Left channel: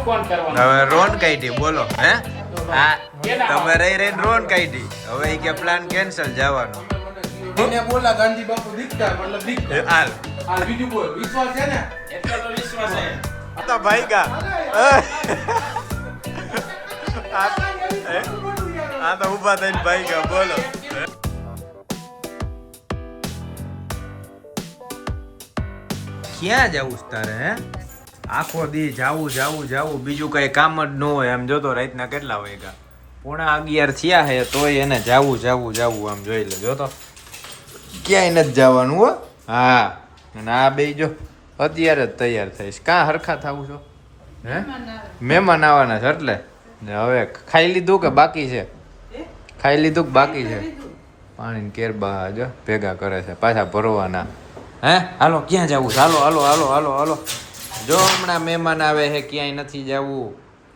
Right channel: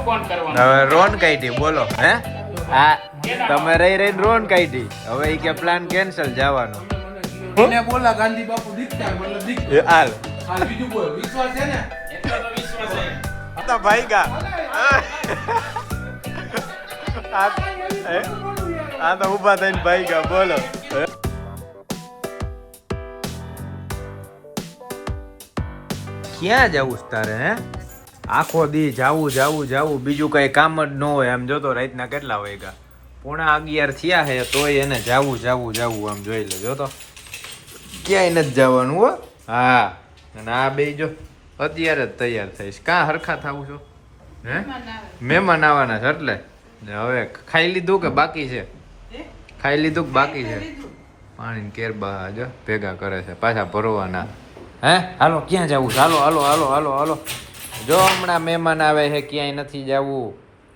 હવે રોન કાઢી બોલો હે હા તમે રહી રોન કાઢી હવે ઈ કે પ્લાન કેન્સલ જવાનો ને બોલા ગાંધી બાપુ દીકતા મતલબ દીકતા હાલ આ બીજું બોલ વિશ્વાસ છે ને એટલો તો વિશ્વાસ છે. તો ભાઈ ગા આ તો ઊભા થઈને ભાઈ ગા બોલો ક્યાં જવું છે તારે હે આખો દી જાવું બીજું કઈ કામ જ ન હોય એમ જોતો રાતના કેટલા વાગ્યા 11:30 થયા હે તોય એને જાવું આમ જોઈ લે જોતો ક્યાંય નથી જવાનું હો હા અને આ બે જો અત્યારે જ તૈયાર થઈશ કાં હરખા થાવું છો હે મહેમાન આવવાના છે એટલે ને હવે ખાઈ લીધું કે બાકી છે ખાઈ લીધું કે બાકી છે પાણી કેરબા જો ભેગા કરે છે પાછા ભરવાના હે હાલો ક્યાં જવું છે હાલો જો હમણાં મહેમાન આવે છે ક્યાંય નથી જવું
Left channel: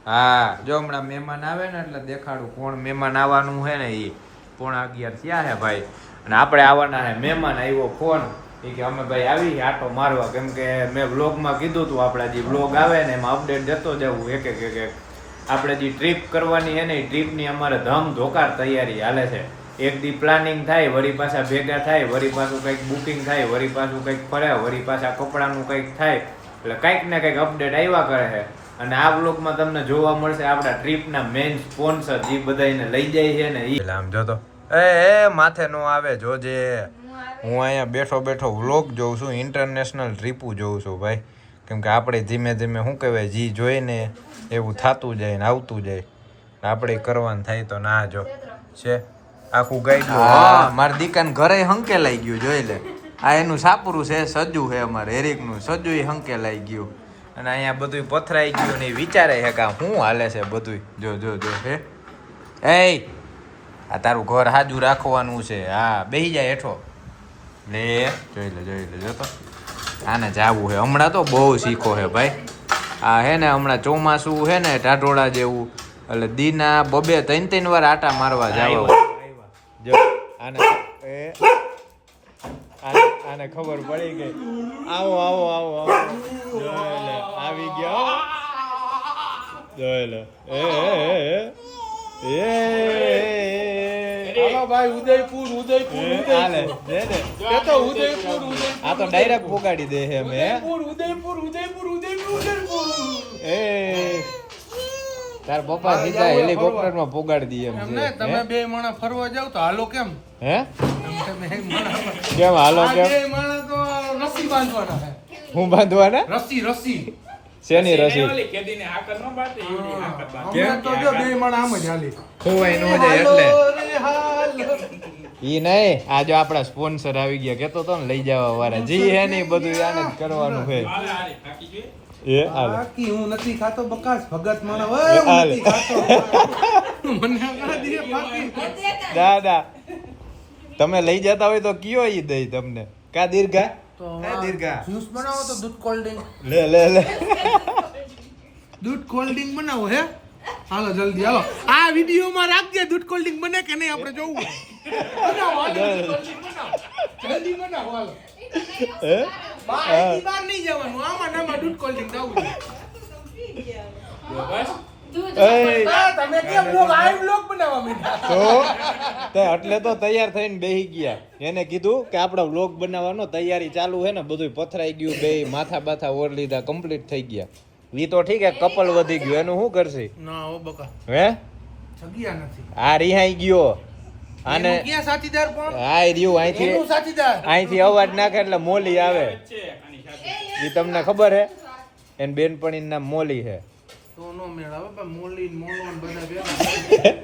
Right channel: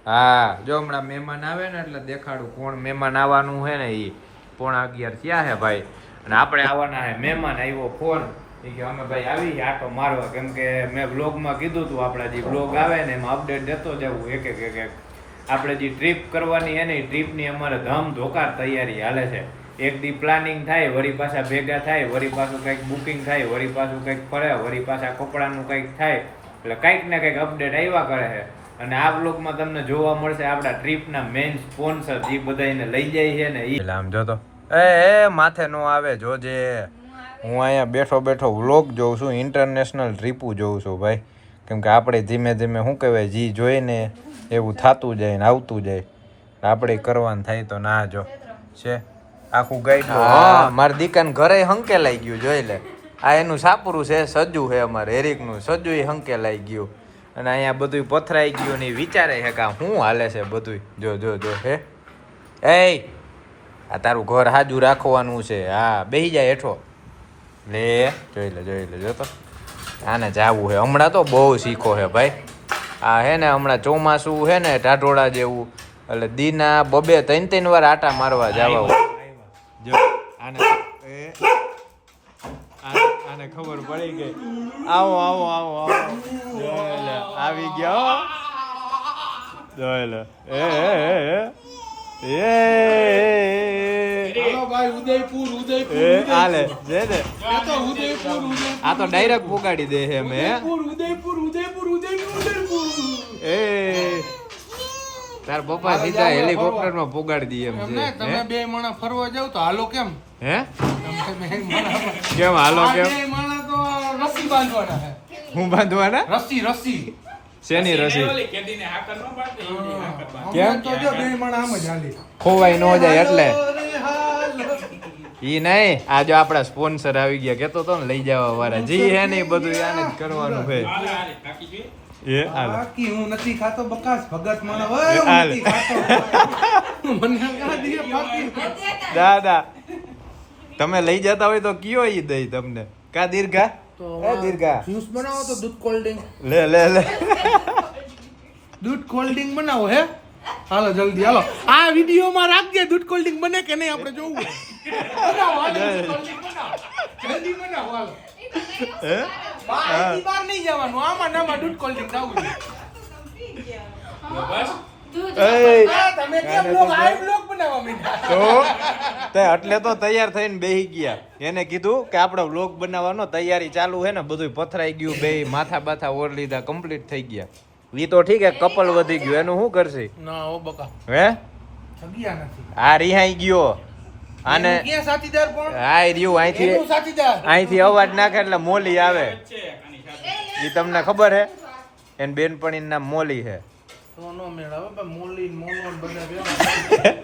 હા જો હમણાં મહેમાન આવે ને એટલે દેખાડું કોણ મહેમાન આવવાનું છે ને એ 11:30 થયા છે ભાઈ અને આપણે આવવાના છે મહેમાન આવ્યો ફોન કે અમે ભાઈ આવી આટો મારવા કેમ કે મેં વ્લોગમાં કીધું હતું આપણા જે વ્લોગ આવે ને એમાં અપડેટ જતો જવું એક આપણે જે ટ્રીપ કરવાની છે ને એ ટ્રીપની અમારે ધમ ધોકાર તૈયારી હાલે છે એક દી પ્લાનિંગ થાય વળી પાછા ભેગા થાય વળી પાછું કંઈક બુકિંગ થાય વળી પાછું કંઈક ફરે વળી પાછા કપડાનું કંઈક થાય એટલે કંઈક ને કંઈક અપડેટ આવ્યા કરે છે અને આ વ્લોગમાં તમને જોવા મળશે આપણા ટ્રીપના મેઇન સ્પોન્સર જે બધાને લઈ જાય છે ને એ આમ જોતો એ માથે નો આવે જોજે હું અહીંયા બેઠો વ્લોગ જોઉં છું ઇન્ટરનેશનલ ટ્રીપું જોઉં છું ભાઈ કેમ કે આપણે ધીમે શું કહેવાય જી જોઈને એવું થતું જાય ને આવતું જાય આપણે કરવાનું થાય તો ના જો છે આખું ગાઈડ મારી દીકાને ઘરે હંકેલાઈ ગયું જોઈ લે આ એનું સાપરું છે સજ્જુ છે અમારે હેરિકનું સજ્જુ હંકેલાઈ ગયું અને અહીંયા બધું પથરાઈ ગયું ને વિચારે છે કે શું હાલે છે બધું જો હે એ આ તારું ઘર હાજુ રાખવાનું છે હા બેસી જાય હેઠો લે જોઈ લે જો તો આને જાવું છે હમણાં તો બહુ શીખો છે ભાઈ આ હે ને હમણાં ચોમાસું છે ને ટાઢોળા જેવું એટલે દીના 2-3 વાર આટા મારવા જવા જો આને ખબર પડી ગઈ આવો જોઈ લે આવી ગયો જોઈ લે હાલો ભાઈ ઉદયપુર હાલે જે ને એ તો ઉદયપુર આ તો ડાયરેક્ટ પોગાડી દે છે મે ઉદયપુર એ તાર પપ્પા સીધા હેલિકોપ્ટર માં પોગાડી દઈએ એમ છે તમે બે માણસ ફરવા જાવ તો હાલો કેમ હે તમે બે માણસ કેમ હાલો કેમ બે માણસ તો રસ્સી બાંધવાના છે હું બાંધવાના રસ્સી શેની રસી ઓલી કેદીને હાકર નો બાંધે એવી હાકર બાંધે. કેમ તો જો બે માણસ આમ જ હાલી ખોવાઈ ન જાય એટલે હાલો. ઈ નહીં આ જો આપડા સ્પોન્સર આવી ગયા કેતો તો ને લઈ જવા વાળા જી હે ને બધું આને જ કરવાનું છે હાલે થાકી જોઈએ. એ હાલ બાકી હું નથી ખાતો બકાસ ભગત મને એ હાલ મને કા દીએ બાકી દાદા તમે લઈ જતા હોય તો કયો ઈ દઈ તમને કા દીર્ઘા એ દીર્ઘા જ્યુસ બનાવો તો દૂધ કોલ્ડ ડ્રિંક લે દૂધ કોલ્ડ ડ્રિંક બનાવો હે હાલો જલ્દી હાલો આ વિડિયો માં રાખજે દૂધ કોલ્ડ ડ્રિંક બને કે નહીં આપણે જોવું બનાવો હાલો દૂધ કોલ્ડ ડ્રિંક બનાવો જલ્દી બનાવો હાલો હે બહાર નહીં જવાનું આમાં નામાં દૂધ કોલ્ડ ડ્રિંક આવું એ તમે કેમ બ્લોગ બનાવવા મીઠા તો તે એટલે તો તૈયાર થઈને બેહી ગયા એને કીધું કે આપણે વ્લોગ બનાવવાનો તૈયારી ચાલુ છે ને બધું પથરાઈ ગયું બે માથા બાથા ઓર લીધા કમ્પ્લીટ થઈ ગયા ઈ તો ઠીક હે કપલ વધી ગયું એનું શું કરશે ના ઓ બકા હે જગ્યા નથી આ રિહાઈ ગયો આને એનું ક્યાં સાથીદાર કોણ આ રહ્યું એનું અહીંથી સાથીદાર અહીંથી અવાજ નાખે એટલે મોલી આવે છે આની સાથે. ઈ તમને ખબર હે એન બેનપણીનું નામ મોલી હે તો નો મેળાવે પણ મોલી મોનો બધા ભેગા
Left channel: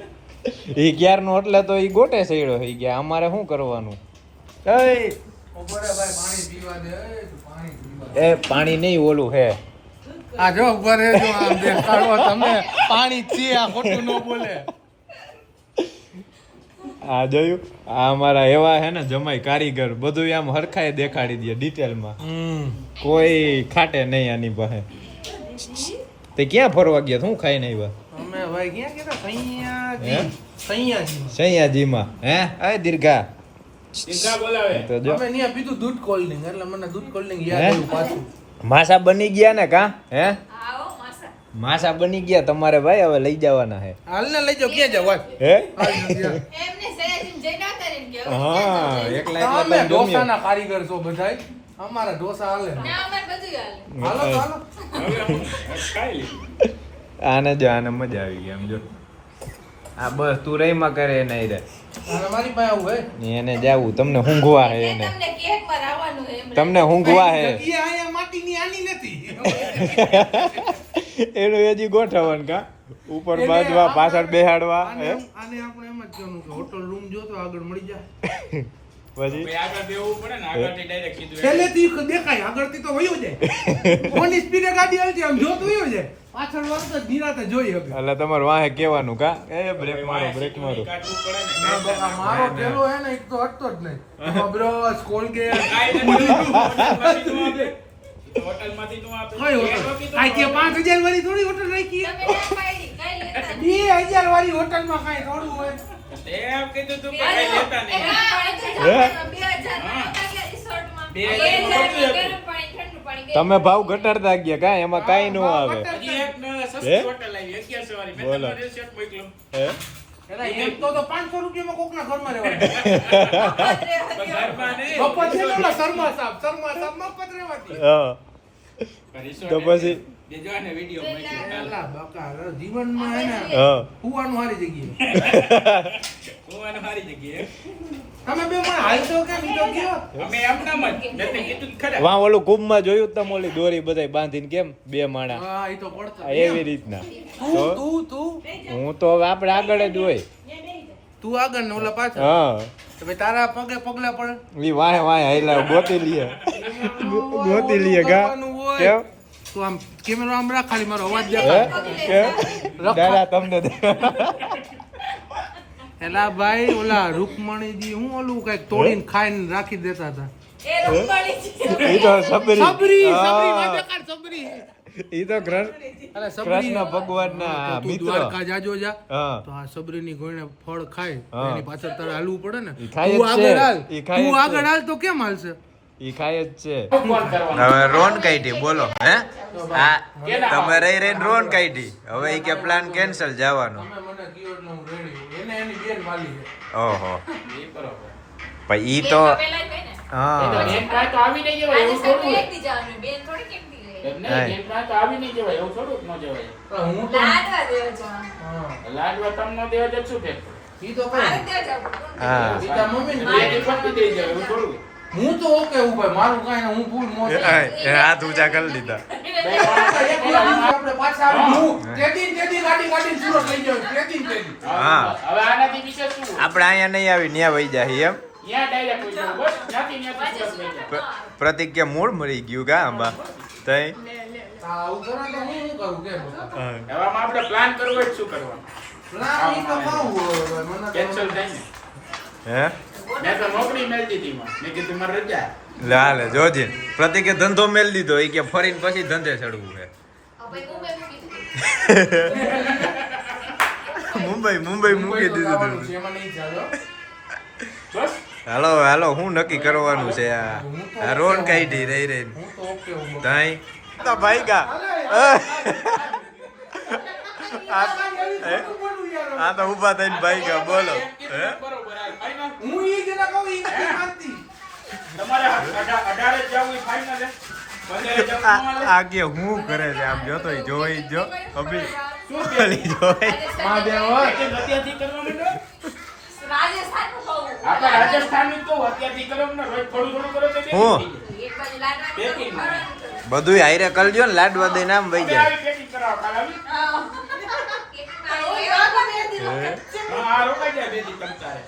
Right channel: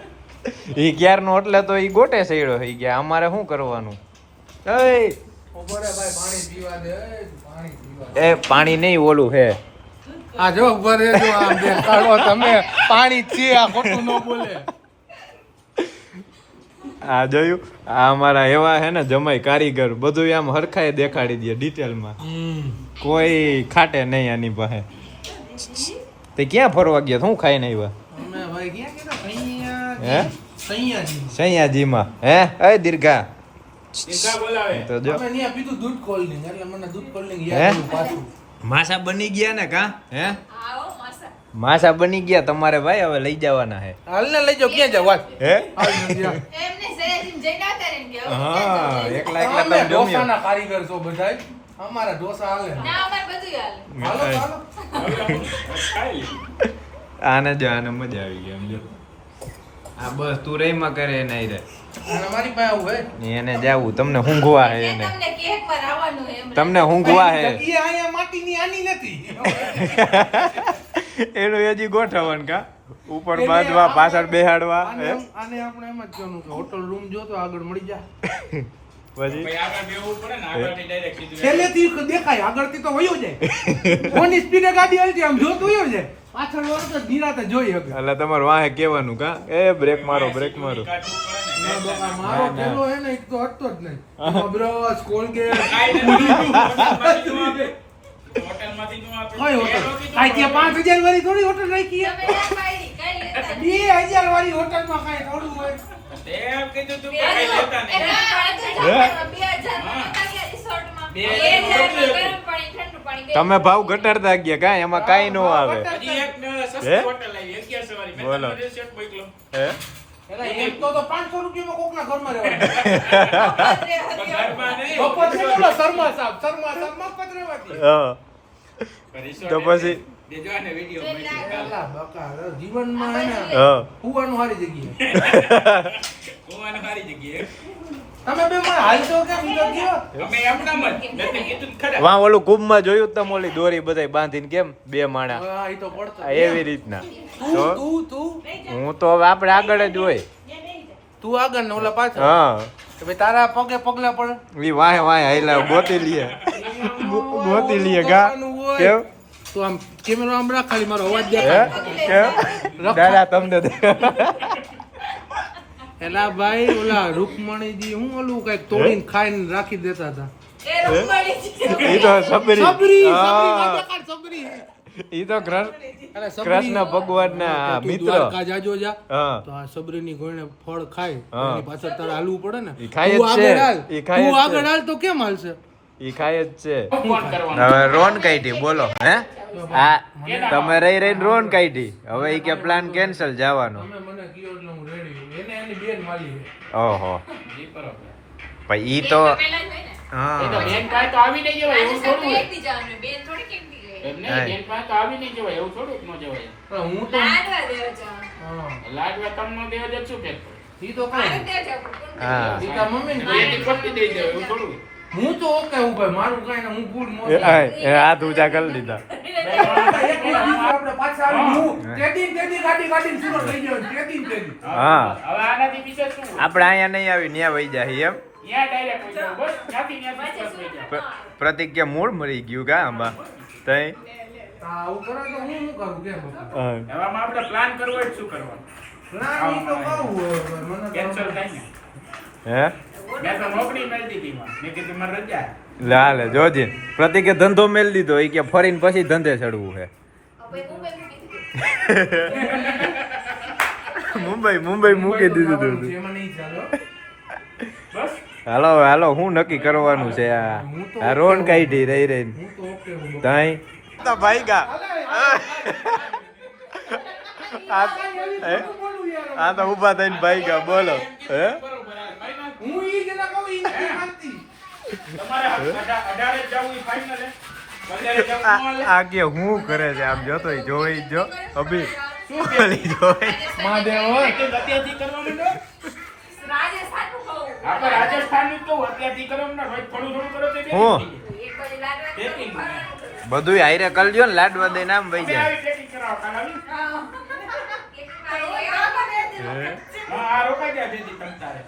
ઈ ક્યારનો એટલે તો ઈ ગોટે સઈડો થઈ ગયા અમારે શું કરવાનું એ ઓબરે ભાઈ પાણી પીવા દે પાણી પીવા એ પાણી નહીં ઓલું હે આ જો ઉભા રહેજો આ બે કાઢો તમે પાણી છે આ ખોટું ન બોલે આ જોયું આ અમારા એવા હે ને જમાઈ કારીગર બધું આમ હરખાએ દેખાડી દે ડિટેલમાં કોઈ ખાટે નહીં આની પાસે તે ક્યાં ફરવા ગયા શું ખાઈને આવ્યા અમે ભાઈ ક્યાં કેતા હે સૈયાજી સૈયાજીમાં હે એ દીર્ઘા દીર્ઘા બોલાવે. તો જો અમે ત્યાં પીધું દૂધ કોલ્ડ ડ્રિંક એટલે મને દૂધ કોલ્ડ ડ્રિંક હે યાદ આવ્યું પાછું. માસા બની ગયા ને કા હે માસા બની ગયા તમારે ભાઈ, હવે લઈ જવાના હે. હાલને લઈ જાઓ, ક્યાં જાવ હાલ. હે હાલ જલ્દી હાલ. હા એકલા એકલા તમે અમે જમ્યો. ઢોસાના કારીગર છો બધાય. અમારા ઢોસા હાલે. હાલો, હાલો. હવે આપણે ખાઈ લઈએ. આને જ આને મજા આવી ગઈ એમ જો. આ બસ તું રહીમાં કરે એને ઈ રહે. અને મારી પાસે આવું હે. એને જાવું તમને ઊંઘવા હે એને. તમને ઊંઘવા હે. જગ્યા અહીંયા માટીની આની નથી. એનું હજી ગોઠવણ કા ઉપર બાંધવા પાછળ બેહાડવા આને હે? આને આપણે એમ જ કહેવાનું કે હોટલ રૂમ જોતો આગળ મળી જા. પછી ભાઈ આગળ બેહવું પડે ને, આગળથી direct સીધું છેલ્લેથી દેખાય, આગળથી તો વયો જાય. કોની સ્પીડે ગાડી હાલતી આમ જોતું વયો જાય. પાછળ વાળો તો નિરાતે જોઈ શકે. એટલે તમારે વાહે કેવાનું કા એ બ્રેક મારો બ્રેક મારો. કાઢવું પડે ને. ના, બકા, મારો પેલો હે ને એક તો હટતો જ નહીં. બ્રશ, કોલગેટ, કાંઈ નથી. હોટલમાંથી તું આપે. હોટલમાંથી તું આપે. કઈ હોટલ? કાંઈ ત્યાં 5000 વાળી થોડી હોટલ રાખી હે? 2000 વાળી હોટલમાં કાંઈ થોડું હોય. તે એમ કીધું તું કે કાંઈ લેતા નહીં. તમે ભાવ ઘટાડતા ગયા કા એમાં કાઈ ન આવે. હજી એક ને હે? સસ્તી હોટલ આવી 1100 વાળી. મેં બોલો. તમને રેસિપ્ટ મોકલો. હે એલા, એક તો 500 રૂપિયામાં કોકના ઘરમાં રહેવાનું. તો ઘરમાં નહીં. બપોર છે ને ઓલા શર્મા સાહેબ મફત રહેવાથી. હા resort તો પછી? દેજો આને વિડીયો મોકલી. એલા, બકા, જીવનમાં હે ને હા હુવાનું સારી જગ્યાએ. ગોવાનો સારી જગ્યાએ. તમે બે માં હાલશો કેમ? ઈ તો કયો. અમે એમનામ જ. મેં તો કીધું જ ખરા. વાં ઓલું કુંભમાં જોયું તમે ઓલી દોરી બધાય બાંધીને કેમ બે માણા હા, ઈ તો પડતા. એવી રીતના. તો તું હું તો હવે આપણે આગળ જ હોય. આગળ ને ઓલા પાછળ. હા કે ભાઈ તારા પગે પગલા પડે. ઈ વાહે વાહે હાઈલા ગોતી લીએ ગોતી લીએ ગા કેમ તો આમ કેમેરો આમ રાખ, ખાલી મારો અવાજ દે. હે કેમ દાદા તમને એલા ભાઈ, ઓલા રૂકમણીજી હું ઓલું કઈક તોડીને ખાઈને રાખી દેતા હતા. ઈ તો સબરી સબરી હા. વાદળકાર સબરી. ઈ તો અરે સબરી, કૃષ્ણ ભગવાનના તો તું મિત્ર. દ્વારકા જાજો જા. હા તો આ સબરીની ગોળને ફળ ખાય, હા. એની પાછળ તારે હાલવું પડે ને. ઈ ખાય જ તું આગળ છે. હાલ. ઈ ખાય જ તું છે. આગળ હાલ તો કેમ હાલશે? ઈ ખાય જ છે. ફોન કરવાનો. હવે રોન કાઢી બોલો હે આ તમે રહી રહીને રોન કાઢી હવે ઈ કે પ્લાન કેન્સલ જવાનો. તમે મને કયો એટલે હું રેડી. એને એની બેન માલી છે. ઓહો ઈ બરોબર. પણ ઈ તો એ તો હા બેન પાસે તો આવી નહીં જવાય એવું થોડું હોય. એમ હા. નહીં, બેન પાસે તો આવી નહીં જવાય એવું થોડું ન જવાય. તો હું તો હા. લાડવા તમને દેવા જ શું ફેર પડે? ઈ તો કાંઈ. હા ઈ તાર મમ્મીને બે દી પતી દઈ દેવાય એવું થોડું હોય. હું તો ઓકે હું ભાઈ, મારું કાંઈ નહીં, હું ફૂલ મોજ. એ હાથ ઊંચા કરી લીધા. આપણે પાછા આવી હું તેદી ગાડી સુરત લઈ જાવ. તેદી. હા હવે આનાથી વિશેષ શું હોય? આપણે અહીંયા નહીં આવી ન્યા વહી જાય એમ ત્યાં direct હોય જાય. બસ, ત્યાંથી step લઈ જાય. પ્રતિક કે મૂળ મરી ગયું કા આંબા તઈ હા, આવું કરો તો હું શું કરું કેમ? હા. હવે આમાં આપણે plan કરવો હોય તો શું કરવાનું? ના, ઈ તો કહું હવે, મને તો- Cancel થાય ને. હે મેં તો નોકરી મેળ દીધી માં. મેં કીધું મારે રજા. લાલે જોજે પ્રતિકે ધંધો મેલ દીધો એ કે ફરીને પછી ધંધે ચડવું છે મુંબઈ મૂકી દીધું જવાનું તું. છે, એમાં નહીં ચાલો. બસ. હાલો હાલો હું નક્કી કરવાનું છે આ રોન કાઢી રહી રહી હું તો ઓકે હું તાઈ તો ભાઈ ગા આ તો ઊભા થઈને ભાઈ ગા બોલો હે બરોબર. final. હું ઈ જેના કહું ઈ નથી માનતી. તમારે 18 જ જવું એ final હે? 15 જવું ન હાલે? આ કે હું કરે છે આમ જોતો જોઈ જો અભી શું કે? ઓલી જોઈ અત્યારથી કરવાનું ને? આપણે રાજસ્થાનનું તો અત્યારથી કરવાનું ને. રોજ થોડું કરો તો બે હું? થઈ જાય. Packing માં. બધું હાઈરે કરજો ને લાડવા દઈ નામ વહી અમે જાય આવી packing કરાવવા કાલ આવી. હે? હા, આ રોકાઈ જાય બે દી તમ તારે.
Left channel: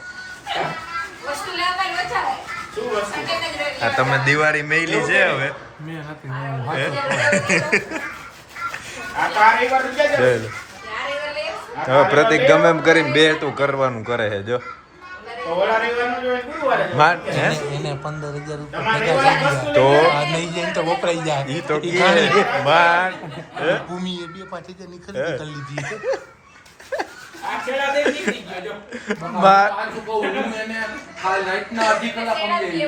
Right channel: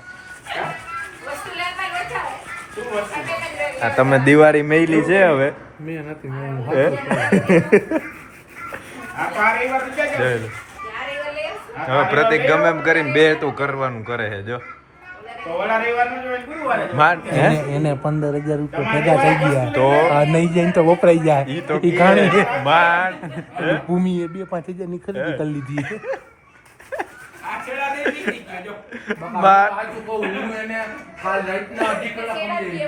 શું વસ્તુ? આ તમે દિવાળી મેલી છે હવે મેં નથી મેં હે? આ તો આ રવિવાર રૂપિયા છે. ચાલો. હવે પ્રતિક ગમે એમ કરીને બે તું કરવાનું કરે છે જો તો ઓલા રવિવારનો જો એ ગુરુવારે છે. માન હે એને 15,000 રૂપિયા તમારે ભેગા થઈ એવા ગયા તો આ નહીં જાય ને તો વપરાઈ જાય ઈ તો ઈ કે ખાલી માન હે? ભૂમિએ 2-5,000 ની ખરીદી કરી લીધી આ છેલ્લા દે નીકળી ગયો જો. બાર. સાચું કહું, હું એને કાલ રાતના અડધી કલાક સમજાવી.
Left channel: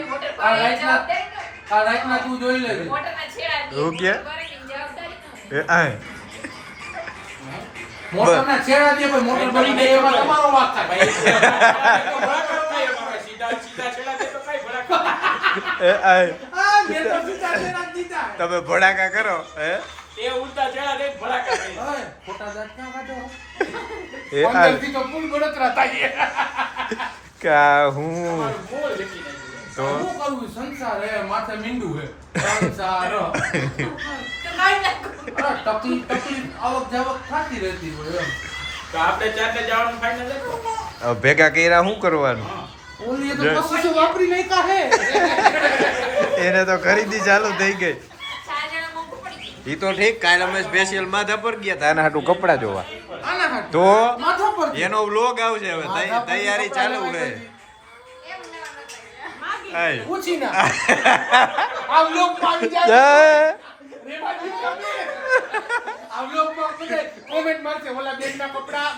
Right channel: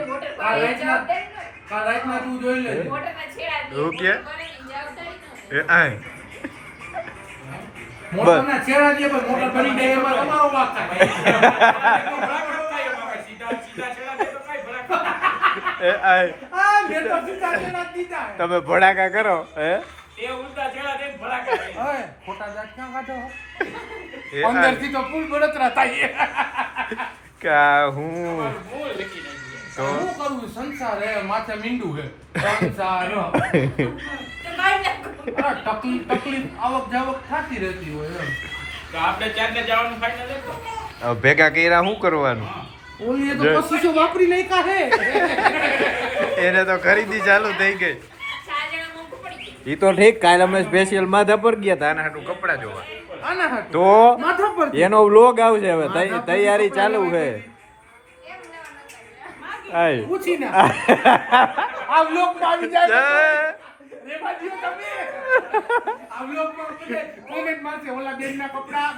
કાલ રાતના તું જોઈ લેજે. એવું કે એ આય મોટરના છેડા દે પણ મોટર બની જાય એમાં તમારો વાંક થાય. સીધા છેડા દે તો કાંઈ ભડાકા. એ આ હા, મેં તો સીધા છેડા જ દીધા. તમે ભડાકા કરો હે એ ઊંધા છેડા દે ભડાકા થાય. હવે ખોટા દાંત ક્યાં કાઢો? એ આ અંદરથી તો ફૂલ બળતરા થાય. કા હું મૂળ લખી નાખ્યું. તો શું કરવું? સંસાર હે, માથે મીંડું હે. સંસાર હો. તકલીફ આવક જાવક થતી રહેતી હોય એમ. તો આપણે ચારને જવાનું ફાઇનલ હતું. હવે ભેગા કર્યા શું કરવાનું ઓલીએ તો પચીસો વાપરી નાખ્યા હે. એને તો ખરીદી ચાલુ થઈ ગઈ ઈ તો ઠીક કાલે અમે સ્પેશિયલ માધા પર ગયા હતા આના હાટું કપડા જોવા આના હાટુ. તો માથા પર એનો વ્લોગ આવશે હવે તૈયારી ચાલુ છે આય પૂછી ના. આ વ્લોગ આવી જાય. રેવાજીઓ તમે. આ વ્લોગ માં બધા કોમેન્ટ મારશે ઓલા બેન ના કપડા.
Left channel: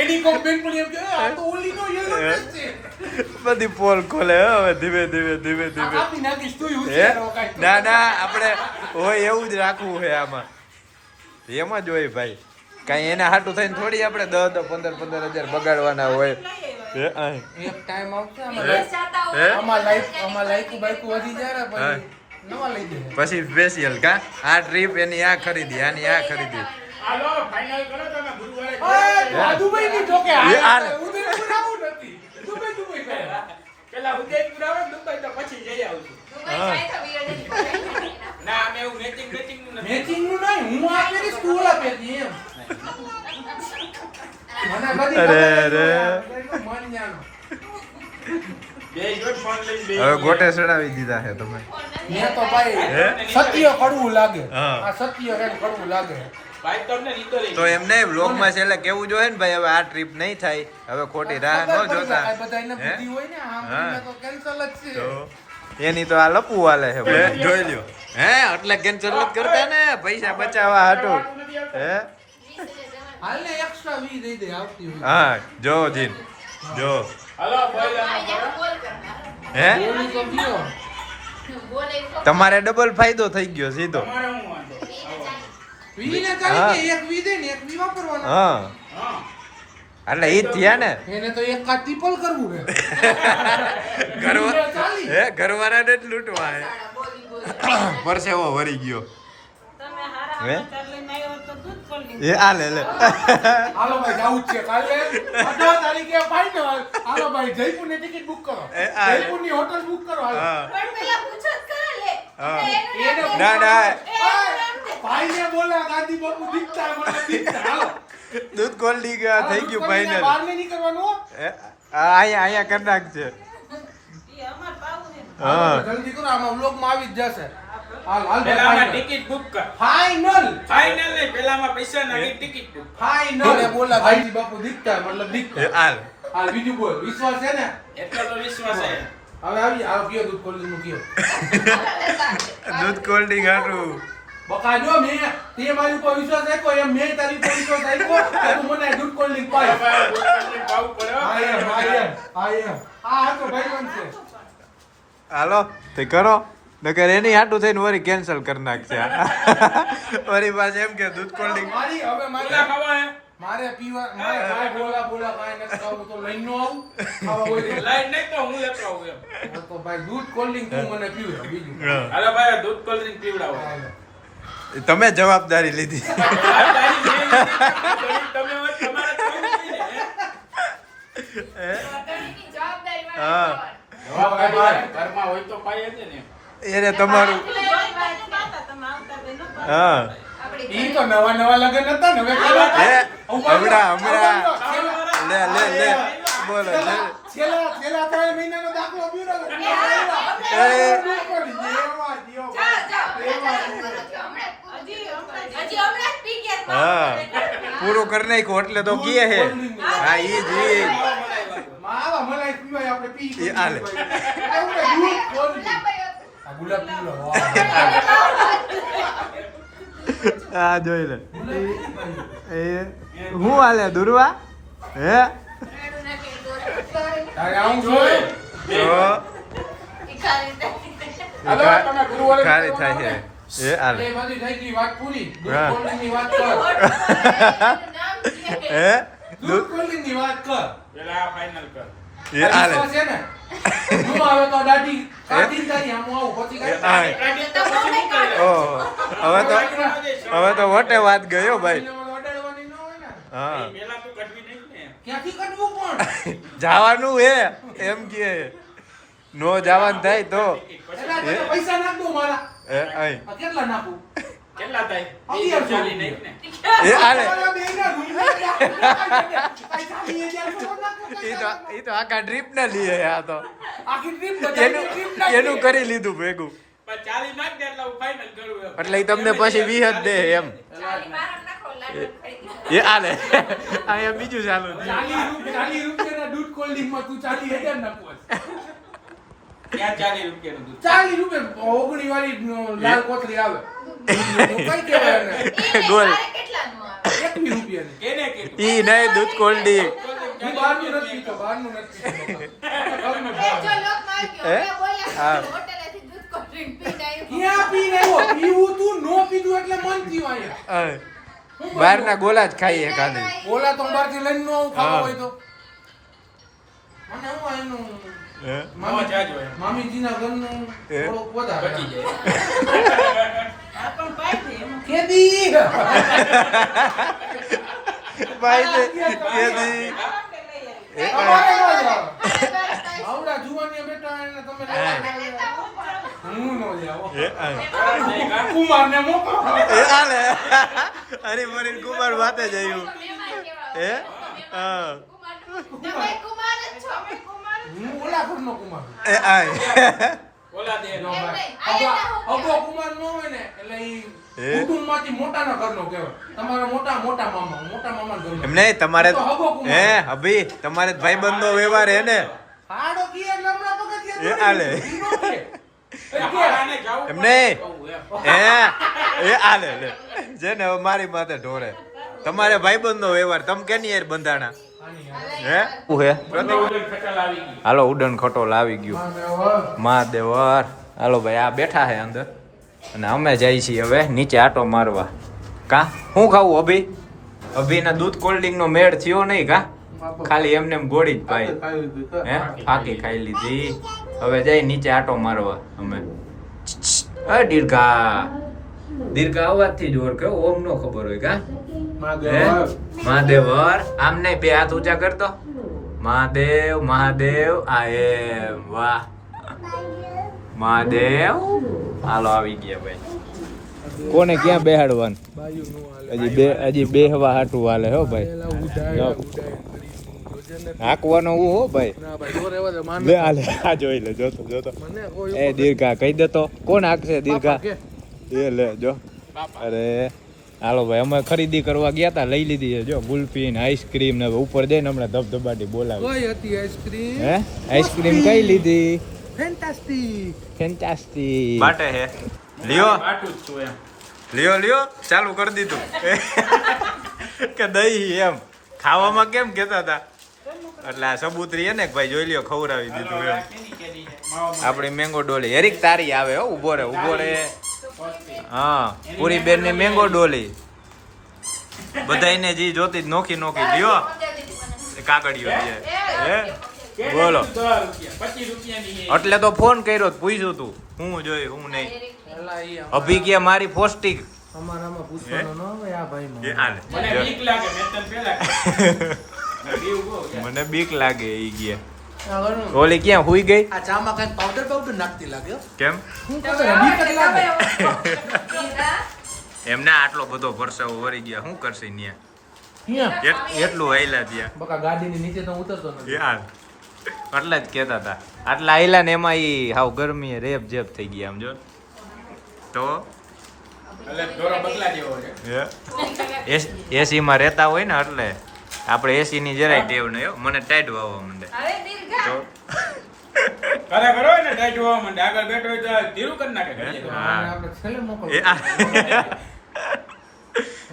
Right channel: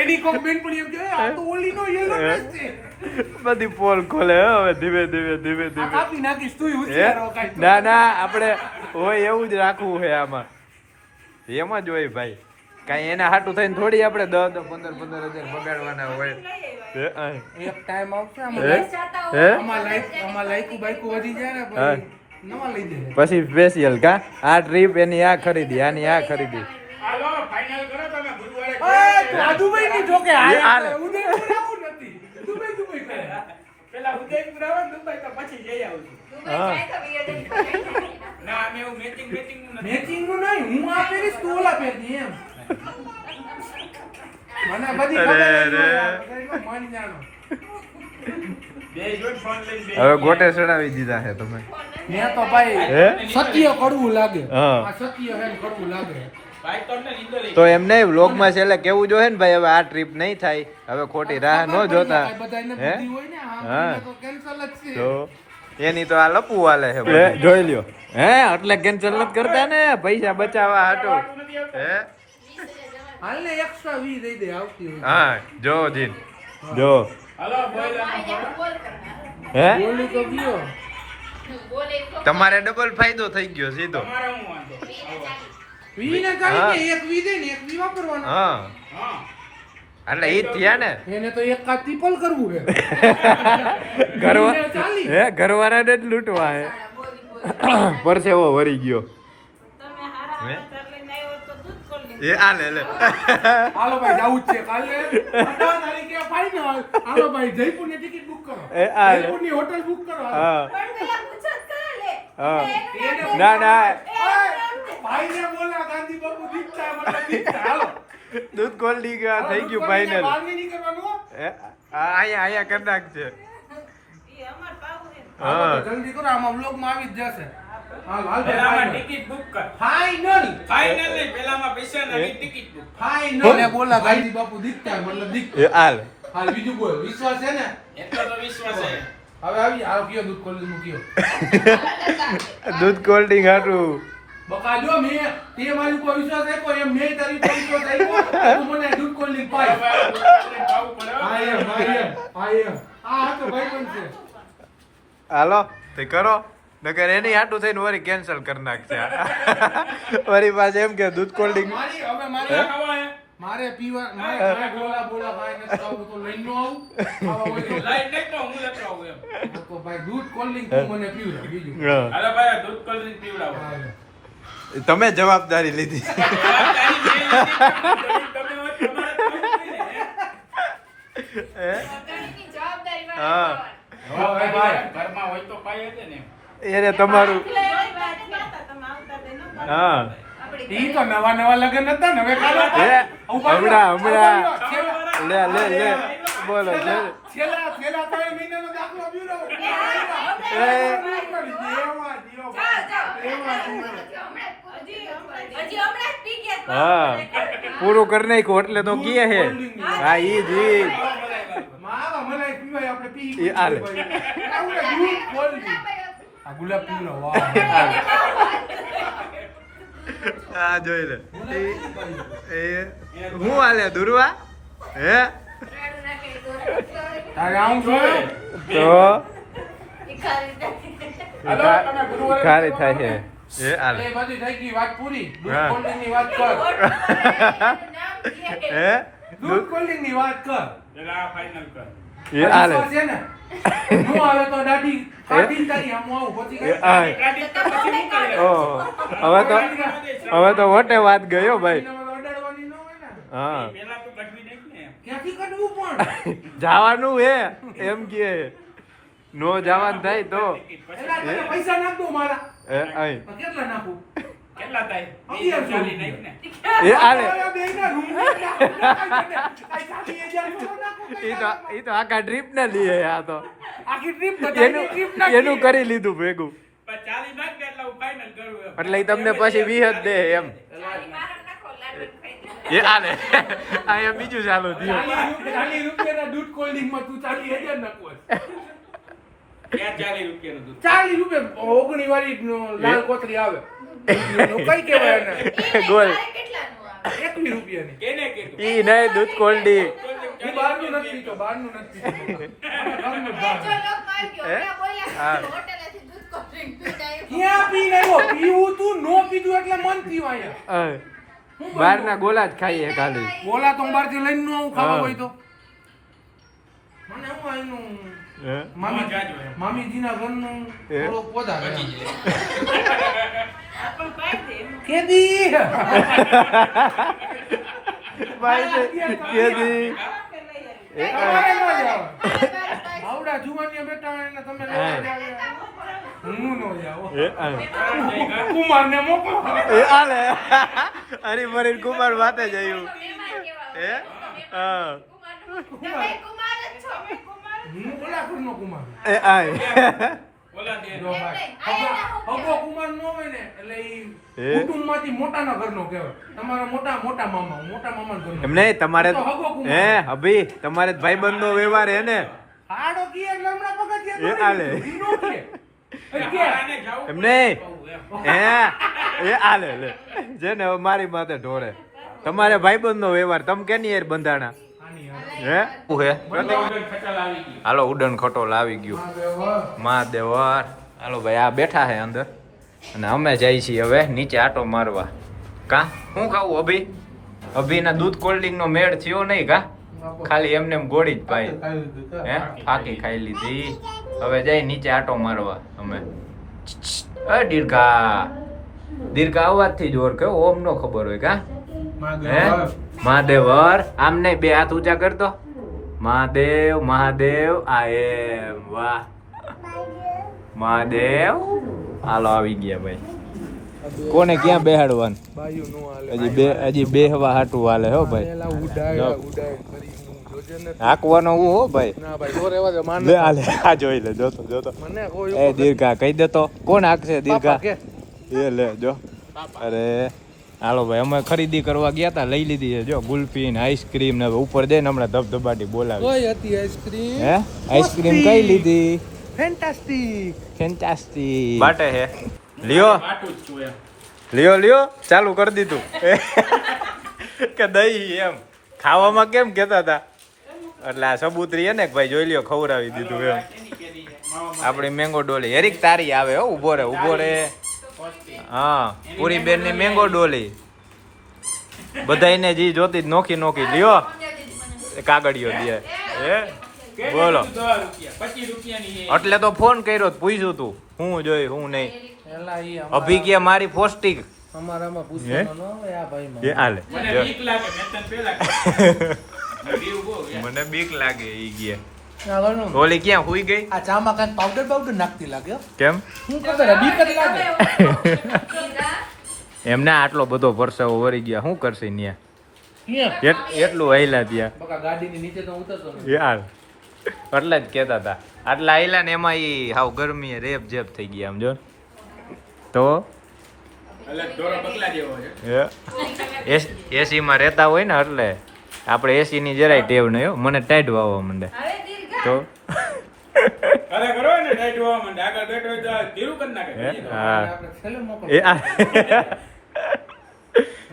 એની કોમેન્ટ પણ એમ કે આ તો ઓલી નો યલો ડ્રેસ છે. બધી પોલ ખોલે હે હવે ધીમે ધીમે આ કાપી નાખીશ તું હે ઉછેરો કાંઈ. ના ના આપણે હોય એવું જ રાખવું છે આમાં એમાં જ હોય ભાઈ કાંઈ એના હાટું થઈને થોડી આપણે 10-15 હજાર બગાડવાના હોય હે આય. એક ટાઈમ આવશે હે આમાં લાઈક બાઈક વધી જાય ને હા. પછી નવા લઈ દે. પછી સ્પેશિયલ કા આ ટ્રીપ એની આ ખરીદી આની આ ખરીદી હાલો ફાઇનલ કરો તમે ગુરુવારે દુબઈ ની જોકે એ હાલે. ઉદયપુર આવું નથી. દુબઈ કરે. પેલા ઉદયપુર આવે ને દુબઈ તો પછી જઈ આવું છું. હા ના અમે એવું મેચિંગ નું નથી. મેચિંગ નું નહીં, હું આ પહેરીશ તું ઓલા પહેરતી એમ. મને બધી અરે, ખબર અરે. નથી. મારી જાણો. બે જોડ ફોન લઈને બે હવે ગોટે ચડાવી દીધા છે તમે મેં તો ભાઈ હે સત્ય કડવું લાગે. હા. આ સત્ય હે ને કડવું લાગે. ભાઈ તમને લીધો નહીં. તો એમ નહીં વ્લોગમાં છેલ્લે કેવું જોઈએ ને ભાઈ હવે આ ટ્રીપ નહીં થાય હવે ખોટી રાહ ન જોતા આ બધાયને હે બુદ્ધિ હોય ને, આ હા. મને તો cancel જ છે. તો એની તો આ લપવું હાલે છે જોઈ લ્યો હે એટલે કેન્સલ નથી કરતા ને પૈસા બચાવવા હાટો હે હાલ ને extra 20 દઈ દે આવતી હોય. હા જો જીન જો હાલો બોલ હે બોલું તો ગયો. તમારે ડબલ ફાયદો થઈ ગયો સીધો તમારે હું વાંધો. 20 ને હા. ચાલી કે એક 20 દે ને એક 20 વાપરવાનો. હા હા એટલે ઈ જ થયા ને એને તો એક કા ટીપલ કરવું છે. ઘરવા 20 ને ચાલી. હે ઘરવાળાને જ લૂંટવા હે પરસેવો વરી ગયો હે એ આ લે લે હાલો ભાઈ જાવું જ છે કાલે 18 તારીખે ફાઇનલ. હાલો ભાઈ જયપુરની ટિકિટ બુક કરો. એ આ લે. જયપુરની હોટલ બુક કરો. હાલો. હા હા એને ના ના ઓય, ભાઈને બોલા ગાંધી બાપુ દીકતા મને દીકતા. હાલો. દૂધ કોલ્ડી થઈ ગયું દૂધ ફાઇનલ બહાર નહીં કરવાનું હો. અહીંયા કરી નાખશે હા જલ્દી કરો, આમાં વ્લોગમાં આવી જ જશે. હાલ હાલ પેલામાં ફાઇનલ. ટિકિટ બુક કર. ફાઇનલ ફાઇનલ નહીં પેલામાં પૈસા નાખી ટિકિટ બુક. ફાઇનલ એ બોલા ગાંધી બાપુ દીકતા મતલબ દીકતા. એ હાલ હાલ બીજું બોલ, વિશ્વાસ છે ને? એટલો તો વિશ્વાસ છે. હવે આવી આવ કયો દૂધ કોલ્ડ નું કયો. દૂધ કોલ્ડિંગ હાટું બકા જો મેં તે મારી ઉપર વિશ્વાસ રાખ્યો એમ મેં તારી ઉપર વિશ્વાસ રાખ્યો તો તું મને દૂધ કોલ્ડ ડ્રિંક પાય. ભાવ પડે હો. આ તો ભાઈબંધ છે. હાલો તે કરો નકર એની હાટું થઈને વરી કેન્સલ કરી નાખશે વરી પાસે એમ કે દૂધ કોલ્ડિંગ મારી હવે પેલા ખાવા હે? મારે પીવા મારે બોલા કાંઈ નથી ખાવું તો લઈને નો આવું. આમાં કોઈ તો લાઈટ નહીં તો હું લેતો આવું એમ. હા તો ભાઈ દૂધ કોલ્ડ ડ્રિંક તું મને પીવડાવ બીજું. હાલો ભાઈ આ દૂધ કોલ્ડ ડ્રિંક પીવડાવો. હાલો. તમે જવાબદારી લીધી તમે હા ઘરમાં હોય તો પાય છે ને. એને તમારું હા ઈ તો નવા નવા લગન હતા ને હવે કાલો હે હમણાં છેલ્લા લે લે લે બોલો છે છેલ્લા 3 મહિનાનો દાખલો પીવડાવો. એ હા પૂરું કરી નાખ્યું એટલે તો કીએ હે હા ઈ જ માવા મલાઈ પીવાય આપણે પી. એ આલે. આપણે દૂધ કોલ્ડ ડ્રિંક. આ ગુલાબ પીવડાવો. હા જોઈ લે એ હું હાલે દુર્વા હે તારે આવું જોઈએ. તો ખારી થાય છે એ હાલે એ બધી થઈ ગઈ વાત પૂરી. હા. દૂધ કોલ્ડ્રિંકની વાત કર. હે દૂધ કોલ્ડ્રિંકની વાત કર. પેલા ફાઇનલ કર. એ હાલે વિશ્વાસ છે ને? નો આવે તો દાઢી કાઢીને તારી આમ આવું પછી એ કાંઈ આય આજે તો પછી નીકળે. ઓહો હવે તો વટે વાત ગયો ભાઈ એનામાં અડાડવાની ન હોય ને. હા પેલા તો કઢવી નહીં ને. ક્યાંથી કાઢવું પણ? જવાનું હે એમ કે નો જવાનું થાય તો એલા તને પૈસા નાખ દો મારા. એ આય આ કેટલા નાખું? કેટલા થાય? 1100 ચાલી નાખ ને. એ હાલે મારા બેયના રૂપિયા કાંઈ 40,000 નો નાખું. ઈ તો આખા ટ્રીપ ને લીએ આ તો આખી ટ્રીપ તો એનું કરી લીધું ભેગું પણ 40 નાખ દે એટલે હું ફાઇનલ કરું એમ. એટલે ઈ તમને પછી 20 જ દે એમ એ હાલે અહીંયા બીજું ચાલુ થયું 40 રૂપિયાના દૂધ કોલ્ડ્રિંકમાં તું 40,000 નાખવો છે. ક્યાં 40 રૂપિયાનું દૂધ? 40 રૂપિયા ઓગણી વાળી લાલ કોથળી આવે કઈ કહેવાય એને? ગોલ 21 રૂપિયાની. કેને કીધું? ઈ નહીં દૂધ કોલ્ડી હું બહારનું નથી પીતો, બહારનું નથી પીતો. ઘરનું જ ભાવે. ક્યાં પીને આવ્યો? પીવું તું, નો પીધું એટલે મન થયું અહીંયા. બહારના ગોલા જ ખાઈએ ખાલી બોલા તો બહારથી લઈને નો આવું ખાવા હા. હોય તો. મને હું આનું હે? મામા જાજો એમ. મામીજીના ઘરનું એ? થોડો પોતા બચી જાય. કેદી ભાઈ ને કેદી એ તમારે નો જાવ. આવડા જુવાનિયા બેઠા હોય એટલે તમે હા. હું નો જાવ. એ આ. કુમારને મોકલો. એ આલે અરે મરીન કુમાર વાતે જ આવ્યું હે હા હું ઓલા ઘરનો કુમાર છું. એ આય ઓલા દે. જો ભાઈ, અગો કુમાર નો હોય ને એટલે ઈ એ? કુટુંબમાંથી મોટાના ઘરનો કહેવાય. તમારા મોટા મામાના ઘરનો. એમ નહીં તમારે તો હગો કુમાર. હે અભી તમારે ભાઈબંધનો વ્યવહાર હે ને હાડો કીએ એટલે હમણાં પગથિયા એ આલે. ઈ નો કે. એ કે. આને જાવું એમ નહીં કહું એમ. હે એ આલે લે છે ને હવે મારી માથે ઢોરે તમારે ભાઈબંધનો વ્યવહાર તમે કેની યાર બંધાણા આની હે હું હે ઉડન ખટલ આવી ગઈ. હાલો ઉડન ખટોલ આવી ગયું હાલો. મહાદેવર હાલો ભાઈ આ બેઠા છે અંદર અને અમે જઈએ છીએ હવે નીચે આટો મારવા કા શું ખાવું અભી અભીના દૂધ કોલ્ડિંગ નો મેળ થયો નહીં કા ખાલી એમને એમ ગોળી જ પાઈ હે ફાકી ખાઈ લીધી હવે જઈ નીચે આટો મારવા અમે દીર્ઘા દીર્ઘા અવાજથી જ ઓર કે ઓમ નો ખબર હોય કા હે મહાદેવર આમ નહીં બે હાથ ઊંચા કરતો મહાદેવ મહાદેવ આ એમ વાહ મહાદેવ હાલો આવી ગયા ભાઈ કોને ક્યાં બેહાડવાનું બાયું નો હાલે. હજી બેહવા હાટું હાલે હો ભાઈ પેલા ઉડાય જો. ઉડાય કરીને જોજે ને. હાંકવાનો હું હો ભાઈ ના ભાઈ જો રહેવા દે માન. લે હાલે આ જોઈ લે જોતો જોતો મને કોઈ એ દીર્ઘા કહી દેતો કોણ હાંકશે દીર્ઘા કે એ લે જો અરે હાલો ભાઈ અમે ખરીદી કરવા ગયા તા લઈ લીધી છે જો ગુલ્ફી ને આઈસ્ક્રીમ ને હવે ઉપર જઈને હમણાં ધબધબાટી બોલાવી કઈ હતી આઈસ્ક્રીમ? હે આઈસ્ક્રીમ કઈ લીધી ફેન્ટાસ્ટિક. ફેન્ટાસ્ટિક બાટે હે લ્યો બાટું જ છું એમ. લ્યો ચાલુ કરી દીધું કે દહીં એમ ખાવામાં કેમ કહેતા હતા એટલે આ સબૂતરી હે ને કે ભાઈ જોઈ લ્યો ખવડાવી દીધું એમ કેની કેની માવા આપણી મેંગો ડોલી હેરીક તારી આવે હો ઉભો રે હા પૂરી બેન ની મેંગો ડોલી બધાયને જી જોતી જ નોખી નોખી લ્યો એ કાગળિયો દે હે બોલો 10 રૂપિયા 25 રૂપિયાની એટલે તો ફોન કર્યો તો પૂછ્યું તું હું જોઈ હું નહીં એલા ઈ અભી કે મારી પોસ્ટિંગ અમારામાં પૂછવાનું ન હોય આ ભાઈમાં. એ હાલે મને જો. બીક લાગે મેં તને પેલા બીવ ગો મને બીક લાગે ઈ ગયા આ ઘણું. ઓલી ક્યાં હુઈ ગઈ આ ચામાં કાંઈ પાવડર નાખતી લાગે હો. કેમ શું ખબર બીક જ લાગે. એમને આટલો બધો પરસેવો વળી ગયા શું કરશે ન્યા ક્યાં? એટલું આયલા ત્યાં બકા ગાડીની નીચે તો ઉતરતો નથી. યાર એટલે જ કહેતા હતા આટલા આયલા ને એમાં ઈ હાવ ગરમીએ રેપ જેપ થઈ ગયા આમ જો તો એટલે દોરો બગલા જેવો છે એસી માં રહેતા હોય ને એટલે આપણે એસી ની જરાય ટેવ નહીં હો મને ટાઈટ વાવવા માંડે તો અરે બરોબર ને ટાઈટ હોવા માંડે આગળ બેઠો હોય તો ધીરું કરી નાખે હે? બીજી હા. આપણે છેલ્લે મોકલો. એ આ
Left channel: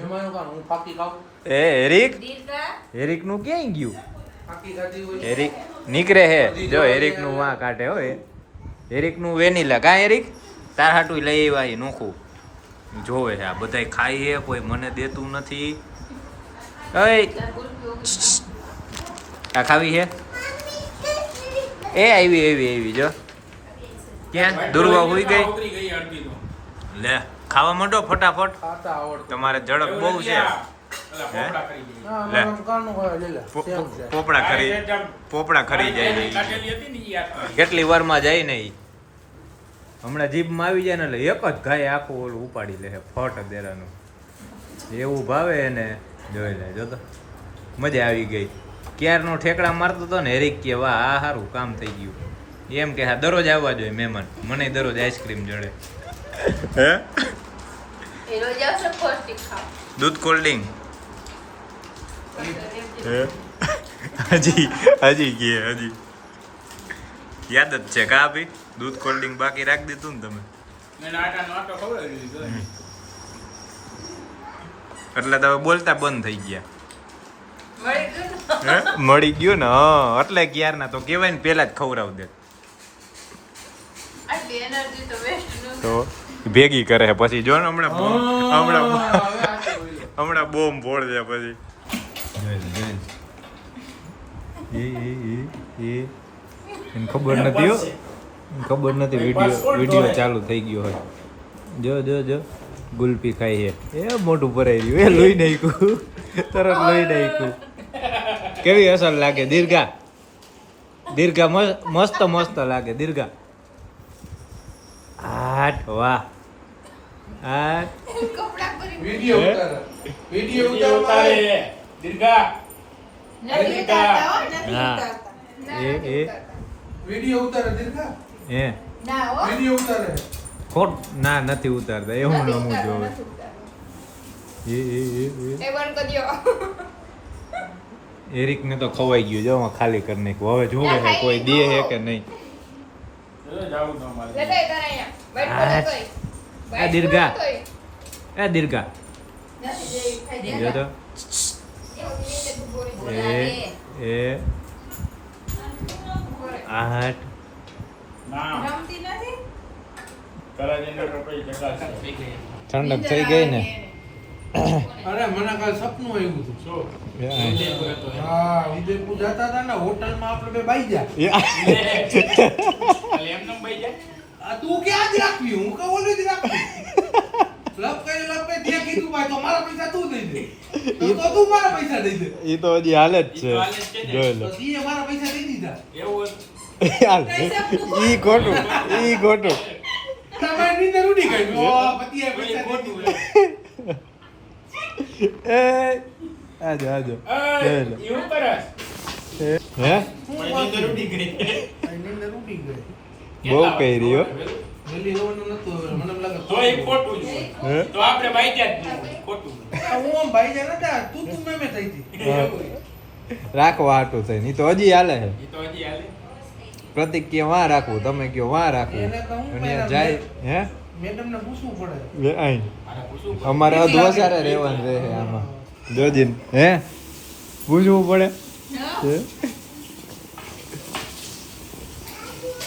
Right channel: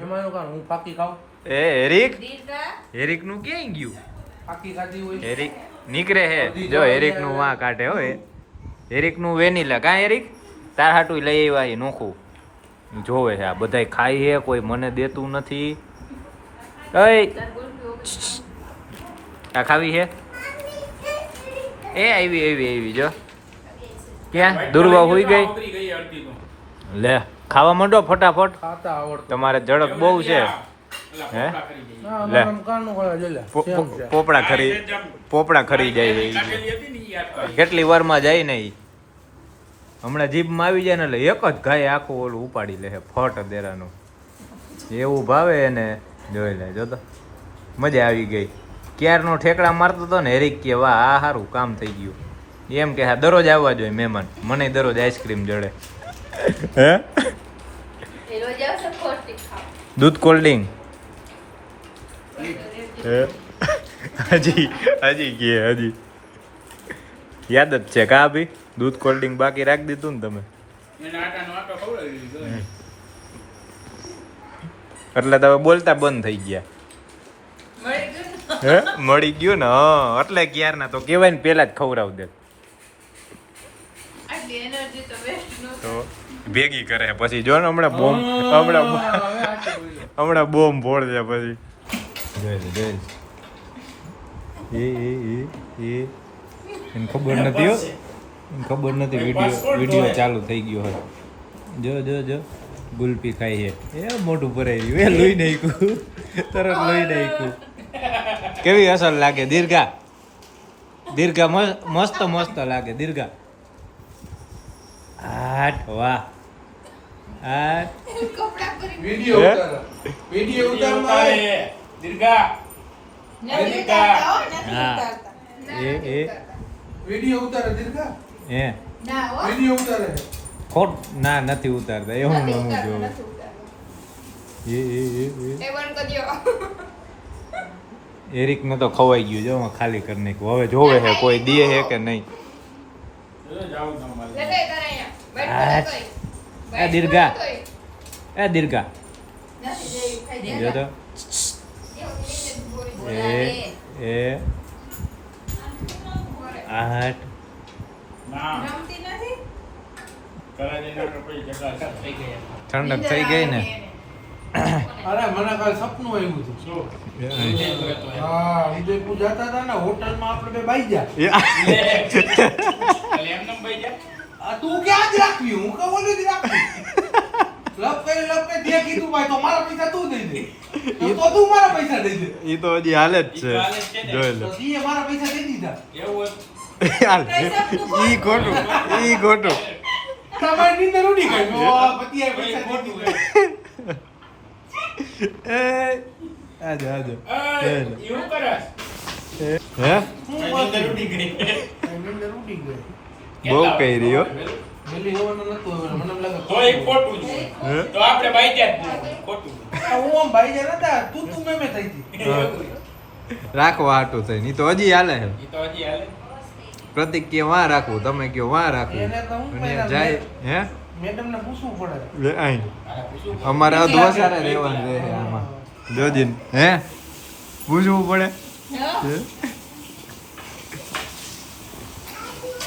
એમાં એવું કાં, હું પાકી ખાઉં? એ હેરિક નું ક્યાંય ગયું પાકી ખાધી હોય. હેરિક નીકળે હે જો હેરિક નું વાં કાઢે હો હેરિક નું વેનીલા કા હેરિક તાર હાટું લઈ આવ્યા એ નોખું જોવે છે આ બધાય ખાઈ છે, કોઈ મને દેતું નથી. ઓય આ ખાવી છે? એ આવી જો. ક્યાં દુર્વા હોઈ ગઈ? ઉતરી ગઈ અડધી તો. લે ખાવા માંડો ફટાફટ, ખાતા આવડતું. તમારે ઝડપ બહુ છે. અલા, હે? પોપડા કરી ગઈ. લે. કાનું હોય, લે લે. પોપડા ખરી જાય છે ઈ. કાઢેલી હતી ને ઈ યાદ કરી. કેટલી વારમાં જાય ને ઈ હમણાં જીભમાં આવી જાય ને એટલે એક જ ઘાય આખું ઓલું ઉપાડી લે ફટ દેરાનું. એવું ભાવે એને જોઈ લે. જો તો મજા આવી ગઈ. ક્યારનો ઠેકડા મારતો હતો ને હેરીક કે વાહ આ સારું કામ થઈ ગયું એમ કે હા દરરોજ આવવા જોઈએ મહેમાન. મને દરરોજ આઈસ્ક્રીમ જડે. હે દૂધ કોલ્ડ ડ્રિંક હજી યાદ જ છે કા ભાઈ? દૂધ કોલ્ડ ડ્રિંક બાકી રાખી દીધું ને તમે એને આટાનો આટો ખવડાવી દીધો. એટલે તમે બોલતા બંધ થઈ ગયા. હે મળી ગયું ને? હા એટલે ક્યારના તો કહેવાય ને પેલા જ ખવડાવ દે તો ભેગી કરે પછી જો ને હમણાં બોમ્બ ફોડશે પછી. જોઈ લે એને ખબર નથી હો, એને ખબર નથી વિડીયો ચાલુ થઈ ગયો હોય. જો ગુલપી ખાઈ છે એ મોટું ભરાઈ રહ્યું એ લોહી નાખ્યું તરત લોહી નાખ્યું. કેવી અસર લાગે દીર્ઘા મસ્ત લાગે દીર્ઘા. આઠ વાહ આઠ વિડિયો ઉતારો. વિડિયો ઉતારવા ઉતારે. દીર્ઘા. હા એ વિડિયો ઉતારે દીર્ઘા. હે વિડિયો ઉતારે. ખોટ ના નથી ઉતારતા એ હું નમું જોવે. એરિક ને તો ખવાઈ ગયું જો ખાલી કરી નાખ્યું. હવે જોવે છે કોઈ દે છે કે નહીં. જાવું ન મારે. એ દીર્ઘા જો તો એ આઠ ના. કરાજીના કપડે જગા થઈ ગયા. ઠંડક થઈ ગઈ ને. અરે મને કાલ સપનું આવ્યું હતું. શું? એ ઉદયપુર હતો એમ. હા ઉદયપુર જતા હતા ને હોટલમાં આપણે બે બાઈ જા. એટલે એમને ભાઈ જાય. આ તું ક્યાં જ રાખવી? હું કહું ઓલું જ રાખવી. લપ કરી તે કીધું ભાઈ તો મારા પૈસા તું દઈ દે. તો તું મારા પૈસા દઈ દે. એ તો હજી હાલે જ ઈ છે તો હાલે જ છે ને. જોઈ લે. તો સીએ મારા પૈસા દઈ દીધા. એવું ઈ ખોટું તમારી નીંદર ઉડી ગઈ. ઓ પતિએ પૈસા દઈ દીધા. એ આજો હતું. એવું કરસ. હે હું નીંદર ઉડી ગઈ. નીંદર ઉડી ગઈ. બહુ કહી રહ્યો. વેલી હોવાનું નતું હવે મને એમ લાગે તો એક ખોટું છે. હે તો આપણે બાઈ જાય ખોટું. હું આમ ભાઈ જા નતા તું મેં થઈ હતી. રાખવા હાટું થઈ ની તો હજી હાલે છે. ઈ તો હજી હાલે. પ્રતિક કે વાં રાખવું તમે કયો વાં રાખવું એને તો હું અને પહેલા જાય હે મેડમ ને પૂછવું પડે. લે આઈ મારે પૂછવું પડે. અમારે અધવસારે રહેવાનું રહે આમાં જોજીન હે પૂછવું પડે હે?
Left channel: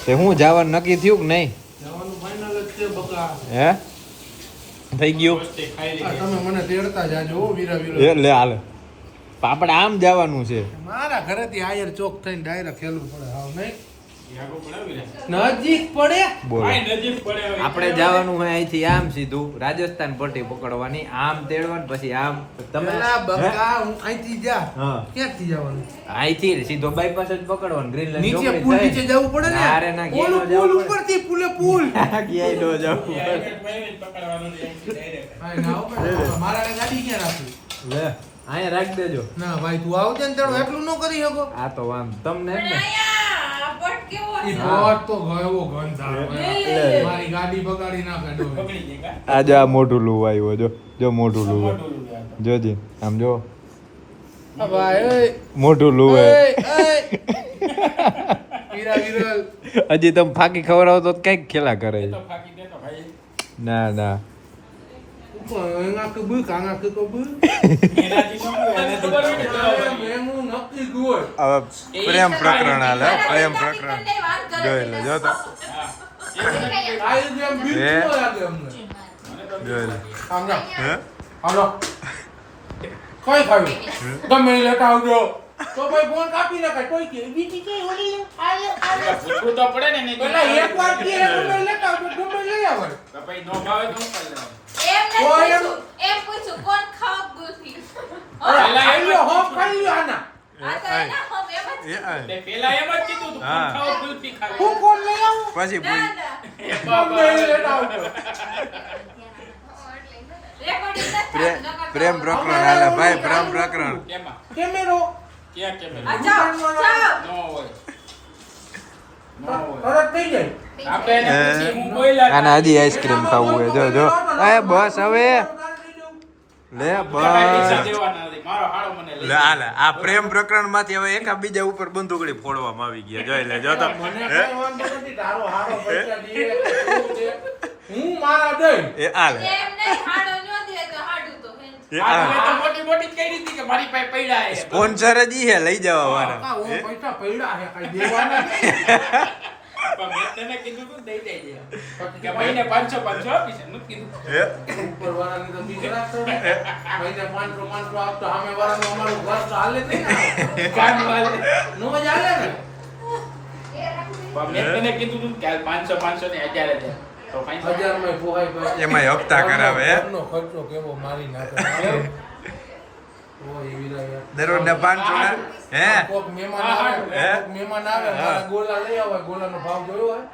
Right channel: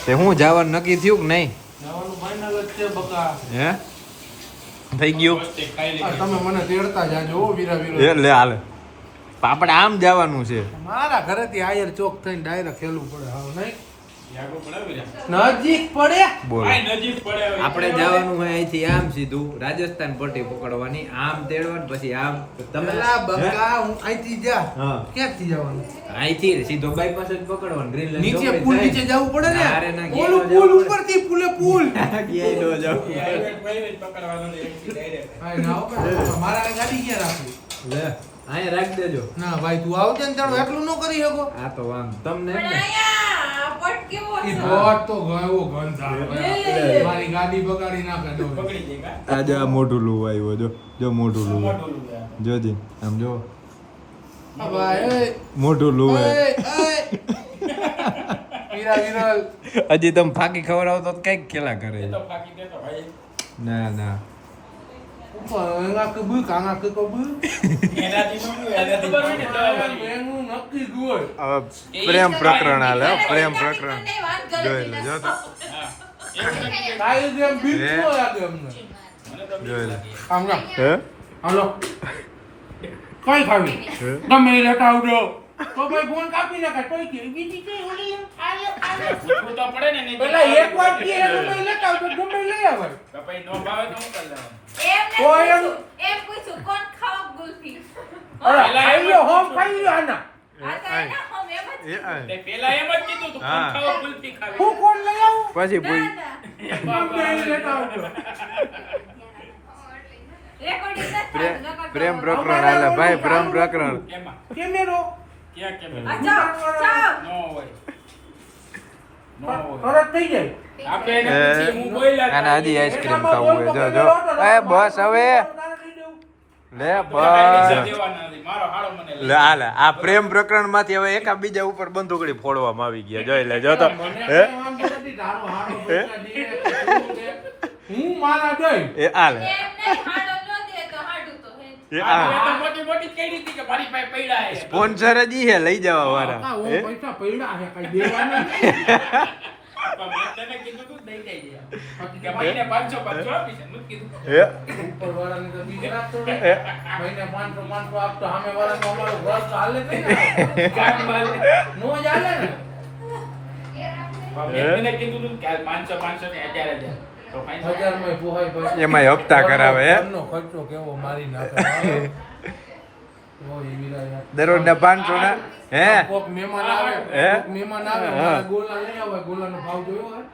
તે હું જવાનું નક્કી થયું કે નહીં? જવાનું ફાઇનલ જ છે બકા. હે થઈ ગયું વસ્તી ખાઈ આ લીધી. તમે મને તેડતા જાજો હો વીરા એ વીરો. લે હાલે આપણે આમ જવાનું છે. મારા ઘરેથી આયર ચોક થઈને ડાયરેક્ટ ખેલવું પડે હાવ નહીં. યાગો બનાવી લે. નજીક પડે. બોલો આય નજીક પડે હવે. આપણે જવાનું હોય અહીંથી આમ સીધું રાજસ્થાન પટ્ટી પકડવાની આમ તેડવાનું પછી આમ તમે પેલા હે? બકા હું અહીંથી જા. હા ક્યાંથી જવાનું? અહીંથી સીધો બાયપાસ જ પકડવાનું ગ્રીનલેન્ડ નીચે ચોકડી પુલ થાય. નીચે જવું પડે ને. ના રે ના, ક્યાંય ઓલું ન જવું પુલ પડે. ઉપરથી પુલે પુલ. ક્યાંય ન જવું પડે. ડાયરેક્ટ ભાઈને જ પકડવાનો ને અહીંથી ડાયરેક્ટ. ભાઈ ના હો ભાઈ, મારા ગાડી ક્યાં રાખવી? લે અહીંયા રાખી દેજો. ના ભાઈ તું આવજે ને તારું એકલું ન કરી શકો. આ તો વાંધો તમને જ ને. ઈ બોટ તો ગયો ગંધા. લે. મારી ગાડી બગાડી ના કાઢો. પકડી ગઈ કા? આજે આ મોટું લૂ આવ્યો જો મોટું લૂ મોટું લુગડા હતું. જોજી આમ જો આ ભાઈ મોટું લૂ હે. વીરા વિરલ. હજી તમે ફાકી ખવડાવો તો કઈક ખેલા કરે એ છે. તો ફાકી દેતો ભાઈ. ના ઉપર આંગા કે બુક આંગા કે બુક. એનાથી સમજ્યું, એનાથી પકડવાનું. એનું નક્કી ગોળ. હવે પ્રેમ પ્રકરણ હાલે હો, પ્રેમ પ્રકરણ જોઈ લે જો તો હા. આ જેમ બીક હે? ન લાગે અમને. મને તો જોઈ લે. આમ જા હે હાલો કઈ ખાવી ગમે એ લેતા આવજો તો ભાઈ ફોન કાપી નાખાય કોઈ કે બીજી કઈ ઓલી આયો પૂછવું તો પડે ને નહીં તો પેલા એક વાર કે ગમે એ લેતા આવજો ગમે એ લઈ આવે તો પછી નો ભાવે તો હું કરી લેવાનું. એમ પૂછું કોણ ખાવ ગુલ્ફી પેલા એમ લો હોમ ખાઈ લ્યો આના એ આય. તે પેલા એમ જ કીધું તું હા. કોણ ખાવ કુલ્ફી ખાવી. હું કોણ લઈ આવું પછી પૂછ ગમે એ લેતા આવજો પ્રેમ પ્રકરણ હાલે ભાઈ પ્રેમ પ્રકરણ કેમાં? કેમેરો ક્યાં કેમ? નો હોય. નો હોય. તરત થઈ જાય આપણે એને પૂછીએ, હું બોલ્યા આને હજી આઈસ્ક્રીમ ખાવું હોય જો જો એ બસ હવે લે બસ દેવાના નથી. મારો હાડો મને લઈ લે હાલે આ પ્રેમ પ્રકરણ માંથી હવે એકા બીજા ઉપર બંદૂકડી ફોડવામાં આવી ગયા જોઈ લે જો તો મને હે કઈ વાંધો નથી તારો હારો પૈસા દીએ કે તું દે. હું મારા દઈ એ હાલે એ આ હાલે તો મોટી મોટી જ કહી દીધી કે મારી પાસે પૈડા છે. સ્પોન્સર જ ઈ હે લઈ જવા વાળા કાકા, હે? હું પૈસા પડ્યા છે કઈ દેવાના નથી. પણ મેં તને કીધું તું દઈ દેજે. કે મહિને 500 આપીશ. નથી કીધું. હે? ઉપર વાળાને તો બીક રાખતો હોય. મહિને 500 આપતો સામે વાળાનું અમારું ઘર તો હાલે જ નહીં ને. કામ વાલે. નો જ હાલે ને પણ મેં તને કીધું તું કે હાલ 500 ને 1000 તો 500 1000 માં પોહાય પછી એમાંય હપ્તા કરાવે, હે? ઘરનો ખર્ચો કેવો મારી નાખે ઓય વીરા યાર દરરોજના 500 ના હે કોક મહેમાન આવે હે? કોક મહેમાન આવે મારા ગોલા લઈ આવે ગોલાનો ભાવ જોયો હોય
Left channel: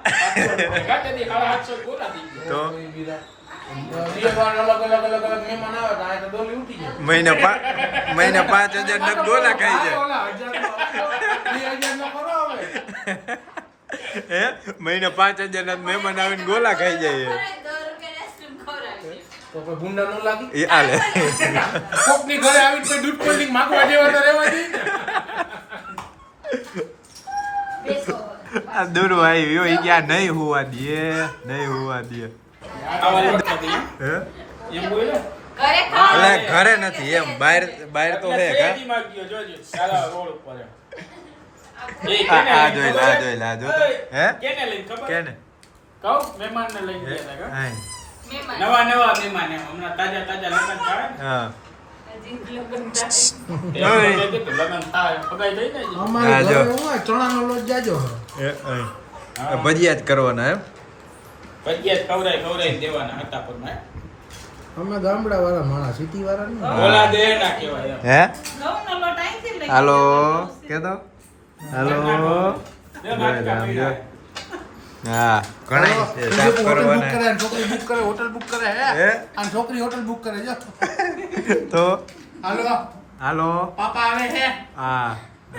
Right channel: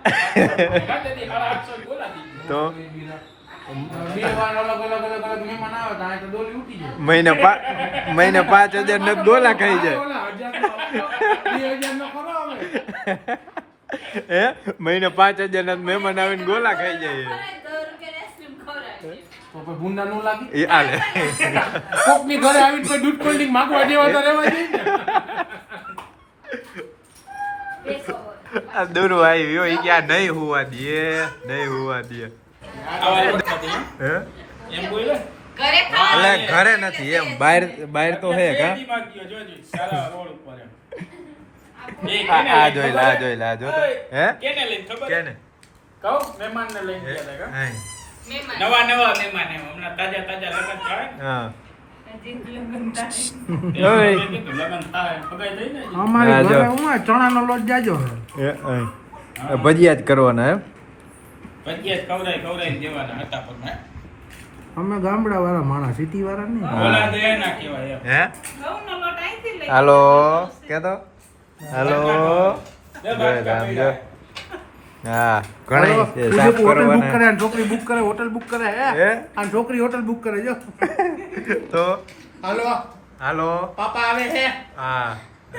ગાતેથી 850 ગોળા થઈ ગયા. તો ઓય વીરા બે વાર અલગ મહેમાન આવે તો આ તો ડોલી ઉઠી જાય મહિને 5000 ના ગોલા ખાઈ જાય ઓલા 1000 નો ખરો આવે હે મહિને 5000 ના મહેમાન આવીને ગોલા ખાઈ જાય તો કોઈ ભૂંડા નો લાગી એ હાલે કોકની ઘરે આવીને કોઈ દૂધ કોલ્ડિંગ માંગવા જેવા તો રહેવા જોઈએ ને આ દૂર આવ્યો ઈ ક્યાં નહીં હોવા દે નહીં હોવા દે આવા લોકો નથી. હે એમ બોલ્યો? એટલે ઘરે નથી એમ બહાર બહાર તો હે કા સયાજી માંગ્યો, જોજે. સાલા રોડ ઉપર એમ. એ આ કેને આ લઈને જોઈ ખબર? લે આ જોઈ લે આ જો તો હે કેને લઈને ખબર? કેને કહું? મહેમાનને લઈને ગયા હતા કા? હાય. નવા મહેમાન એમ. હમણાં તાજા લગ્ન થાય ને. હા એ ઓય. કીધું, લગ્ન થાય, ફગાઈ દઈ ને. હા, અમારી જો. ઘરે હું ચણાનો લોટ જાજો એ હાય. આ ભજીયા જ કરવાના એમ ભજીયા જ ખવડાવી દેવાના હતા પણ ના. અમે ગામડા વાળા માણસ સિટી વાળા નહીં ઓલા દે ના કહેવાય એમ. હે હાલો કેતો હાલો જોઈ લે આમ જો હા ઘણા છે સાફ હોટલ બુક કરવાના. કરે અને છોકરી બુક કરે હોટલ બુક કરે હે હે અને છોકરી હોટલ બુક કરે જો તો હાલો હાલો પાપા આવે છે હા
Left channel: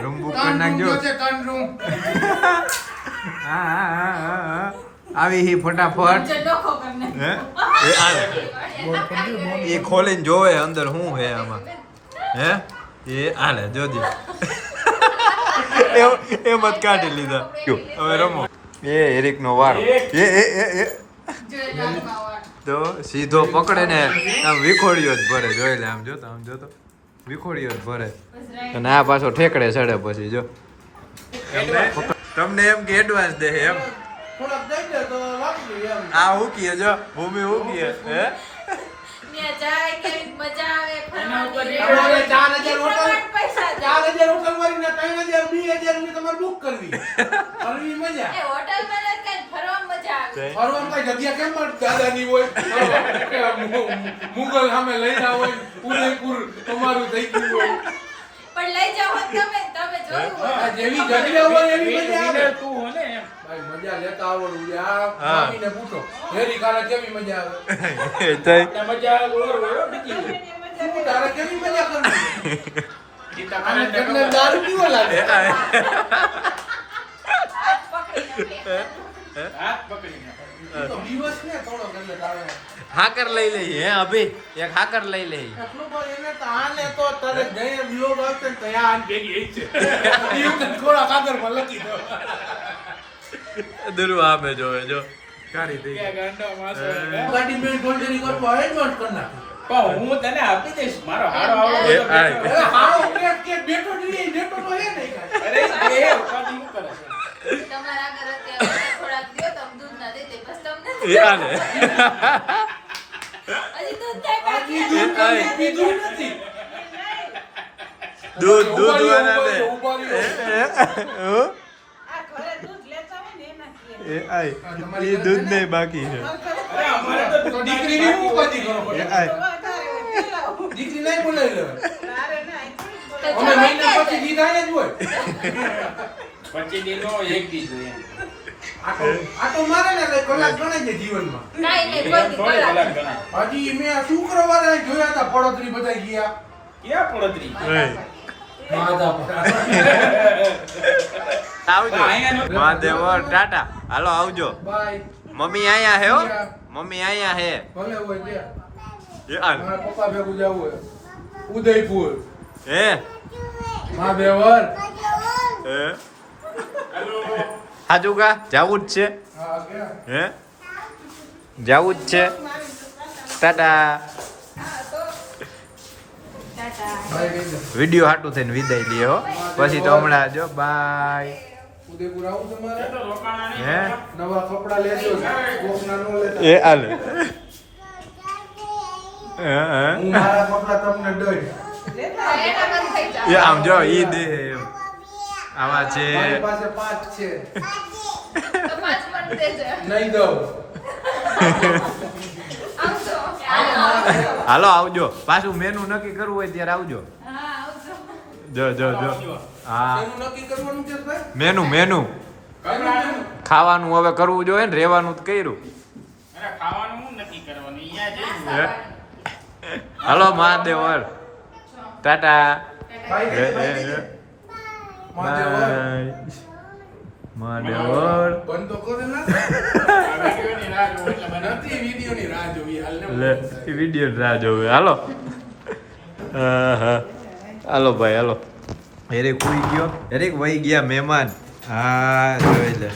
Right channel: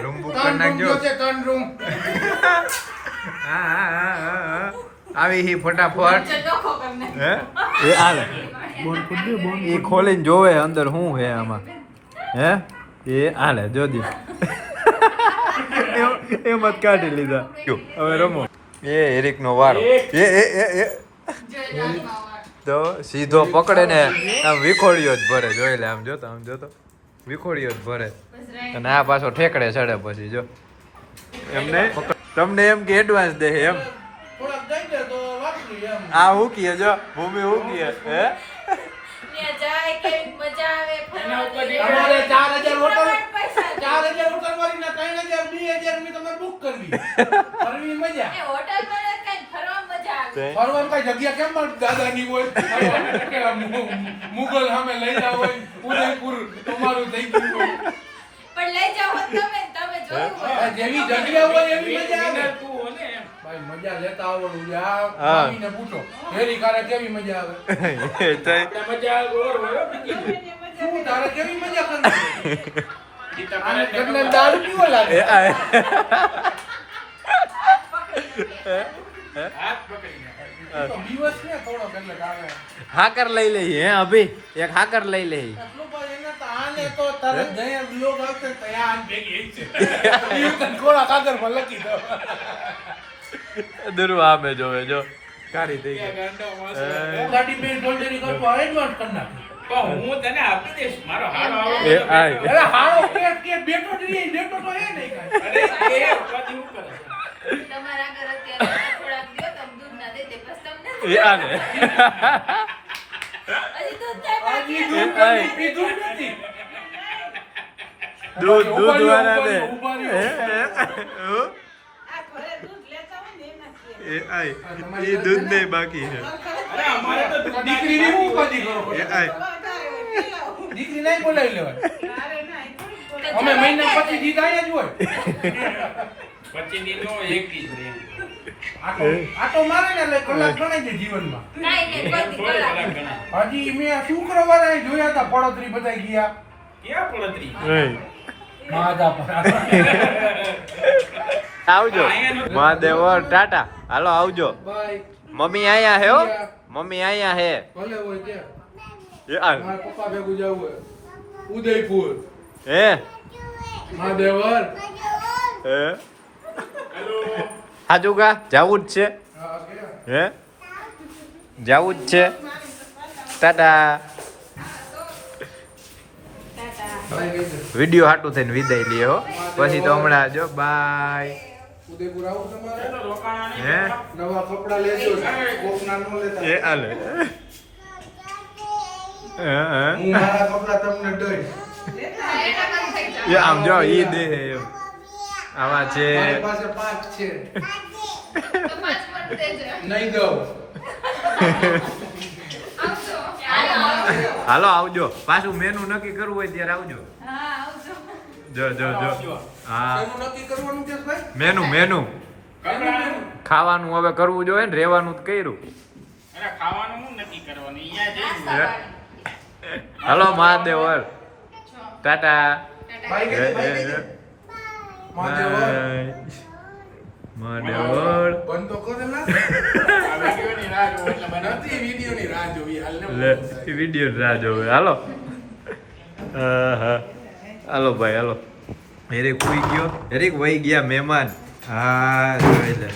રૂમ બુક કરી ત્રણ નાખજો રૂમ છે ત્રણ રૂમ હા હા હા હા આવી હી ફટાફટ હે એ હાલે બોલ કરી દે બોલ એ ખોલીને જોવે અંદર શું હે આમાં હે એ હાલે જોજી એમ જ કાઢી લીધા કયો હવે રમો એ એરિક નો વારો એ તો સીધો પકડે ને આમ વિખોડિયો જ ભરે જોઈ લે આમ જોતો વિખોડિયો જ ભરે અને આ પાછો ઠેકડે ચડે પછી જો એમને તમને એમ કે એડવાન્સ દે એમ થોડાક દઈ દે તો વાપરી એમ આ હું કીએ જો ભૂમિ હું કીએ હે એના ઉપર તમારે 4000 હોટલ 4000 હોટલ વાળી ને 3000 2000 ની તમારે બુક કરવી મજા ફરવામાં કઈ જગ્યા કેમ મળે દાદાની હોય મુગલ સામે લઈ જાવ હોય ઉદયપુર તમારું થઈ ગયું હોય પણ લઈ જાઓ તમે જોયું આ જેવી જગ્યા હોય એવી મજા આવે તું હો ને એમ. ભાઈ મજા લેતા આવડું યાર આવીને પૂછો હેરી કારા કેવી મજા આવે એ તઈ એટલે મજા આવે ઓર હોય બીજી કોઈ. શું તારે કેવી મજા કરવી ઈ તો આને મને ઘરને ખબર. દારૂ પીવો લાગે હાથ પકડી નાખો. તો દિવસ ને થોડો કરીએ તારે હાકર લઈ લઈએ હે અભી એક હાકર લઈ લઈએ એટલું ભાઈ એને તો આને તો તારે ગયા બ્લોગ આવશે ને ત્યાં આને ભેગી જ છે ઈ તને થોડા કાગળમાં લખી દો દુરુ આમે જોવે જો કાઢી દઈ કે ગાંડો માણસ હોય. ગાડી મેં ફોલ્ડરી કરતો એડવાન્સ કરી નાખી પણ હું તને આપી દઈશ મારો હારો એ આવડો આય અરે હારો કે બેઠો જ નહીં બેઠો તો હે નહીં કાંઈ અરે એ ઉપાધિ હું કરે છે? તમારા ઘરે અત્યારે થોડાક દો તમે દૂધ ના દે દે બસ તમને એ આને આટલી દૂધ આય. પીધું નથી. દૂધ ઉભા રહ્યો, વાળા ઉભા ને. રહ્યો, ઉભા રહ્યો. હો? એ આય એ દૂધ નહીં બાકી છે અરે અમારે તો દૂધ દીકરીની હું ઉપાધિ કરો? એ આય દીકરી નહીં બોલાવી લેવાય. અમે મહિના પછી જીત આયા જ હોય. પછી દીનો એક દીધો એમ. આટો મારે ને એટલે કલાક ગણાય છે જીવનમાં. કાંઈ નહીં, એમ બધી થોડી કલાક. કલાક ગણાય. હજી મેં શુક્રવારે અહીં જોયા હતા પડોતરી બધા ગયા. ક્યાં પડતરી? આવજો મહાદેવ ટાટા હાલો આવજો બાય. મમ્મી આયા હે હો મમ્મી આયા હે ભલે હોય ત્યાં. એ હાલ. મારા પપ્પા ભેગું જવું હોય. ઉદયપુર. હે મહાદેવર. હે હાજુ કા જાવું જ છે હા કે હે જાવું જ છે ટાટા ભાઈ કહી દે. વિડિયો હાટું થઈને વિદાય લે હો પછી તો હમણાં જો બાય ઉદયપુર આવું તમારે? તો રોકાણા નહીં. હે નવા કપડા લેજો. કોક નાનો લેતા. એ હાલ હું મારા કપડા તમને દઈશ. એના બંધ થઈ જાય. એ આમ જો ઈ દે એમ આવા છે મારી પાસે 5 છે. તો પાંચ મિનિટ દેજો. નહીં દઉં. આવજો. હાલો આવજો પાછું મેનુ નક્કી કરવું હોય ત્યારે આવજો હા, આવજો. જો જો જો હા એનું નક્કી કરવાનું છે ભાઈ? મેનુ મેનુ કાંઈ ખાવાનું હવે કરવું જોઈએ ને રેવાનું તો કર્યું અરે ખાવાનું હું નક્કી કરવાનું અહીંયા જઈને હે? હાલો મહાદેવર ટાટા ભાઈ હે, કે હે, ભાઈ હે. કે મહાદેવર. બાય. મહાદેવર બંધ તો કરે ના. આ વિડીયોની રાહ જોવો એટલે મને નથી વિડીયોની રાહ જોવી હાલ ને. લે વિડીયો રાહ જોવે હાલો હા હાલો ભાઈ હાલો હેરેક ઉઈ ગયો હેરેક વહી ગયા મહેમાન હા જોઈ લે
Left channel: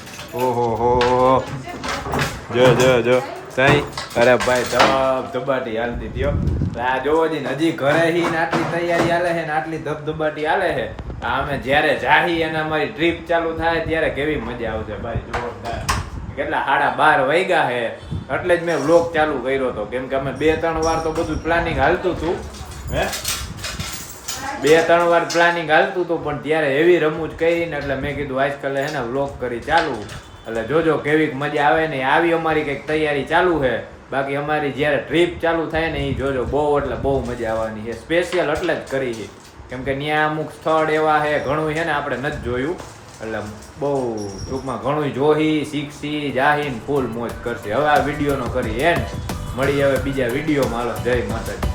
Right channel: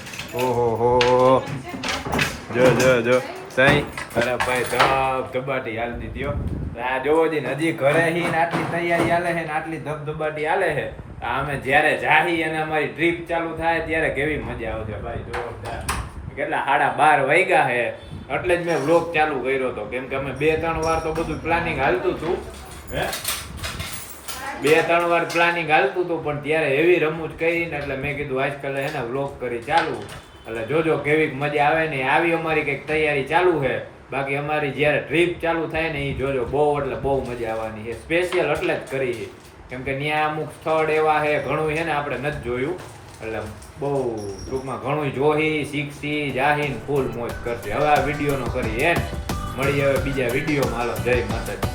ઓહો હો જો જો જો તઈ અરે ભાઈ ધબધબાટી હાલતી થયો આ જોવો જી ને હજી ઘરે હી ને આટલી તૈયારી હાલે છે ને આટલી ધબધબાટી હાલે છે આ અમે જ્યારે જાહી અને અમારી ટ્રીપ ચાલુ થાય ત્યારે કેવી મજા આવશે ભાઈ જોરદાર કેટલા 12:30 વાગ્યા છે એટલે જ મેં વ્લોગ ચાલુ કર્યો હતો કેમ કે અમે 2-3 વાર તો બધું પ્લાનિંગ હાલતું હતું હે 2-3 વાર પ્લાનિંગ હાલતું હતું પણ ત્યારે એવી રમૂજ કરીને એટલે મેં કીધું આજકાલ હે ને વ્લોગ કરી ચાલુ એટલે જોજો કેવી મજા આવે ને આવી અમારી કંઈક તૈયારી ચાલુ છે બાકી અમારી જ્યારે ટ્રીપ ચાલુ થાય ને એ જોજો બહુ એટલે બહુ મજા આવવાની છે સ્પેશિયલ એટલે જ કરી છે કેમ કે ત્યાં અમુક સ્થળ એવા છે ઘણું છે ને આપણે નથી જોયું એટલે બહુ ટૂંકમાં ઘણું જોહી શીખસી જાહીન ફૂલ મોજ કરશે હવે આ વિડીયોનો કરી એન્ડ મળી હવે બીજા વિડીયોમાં હાલો જય માતાજી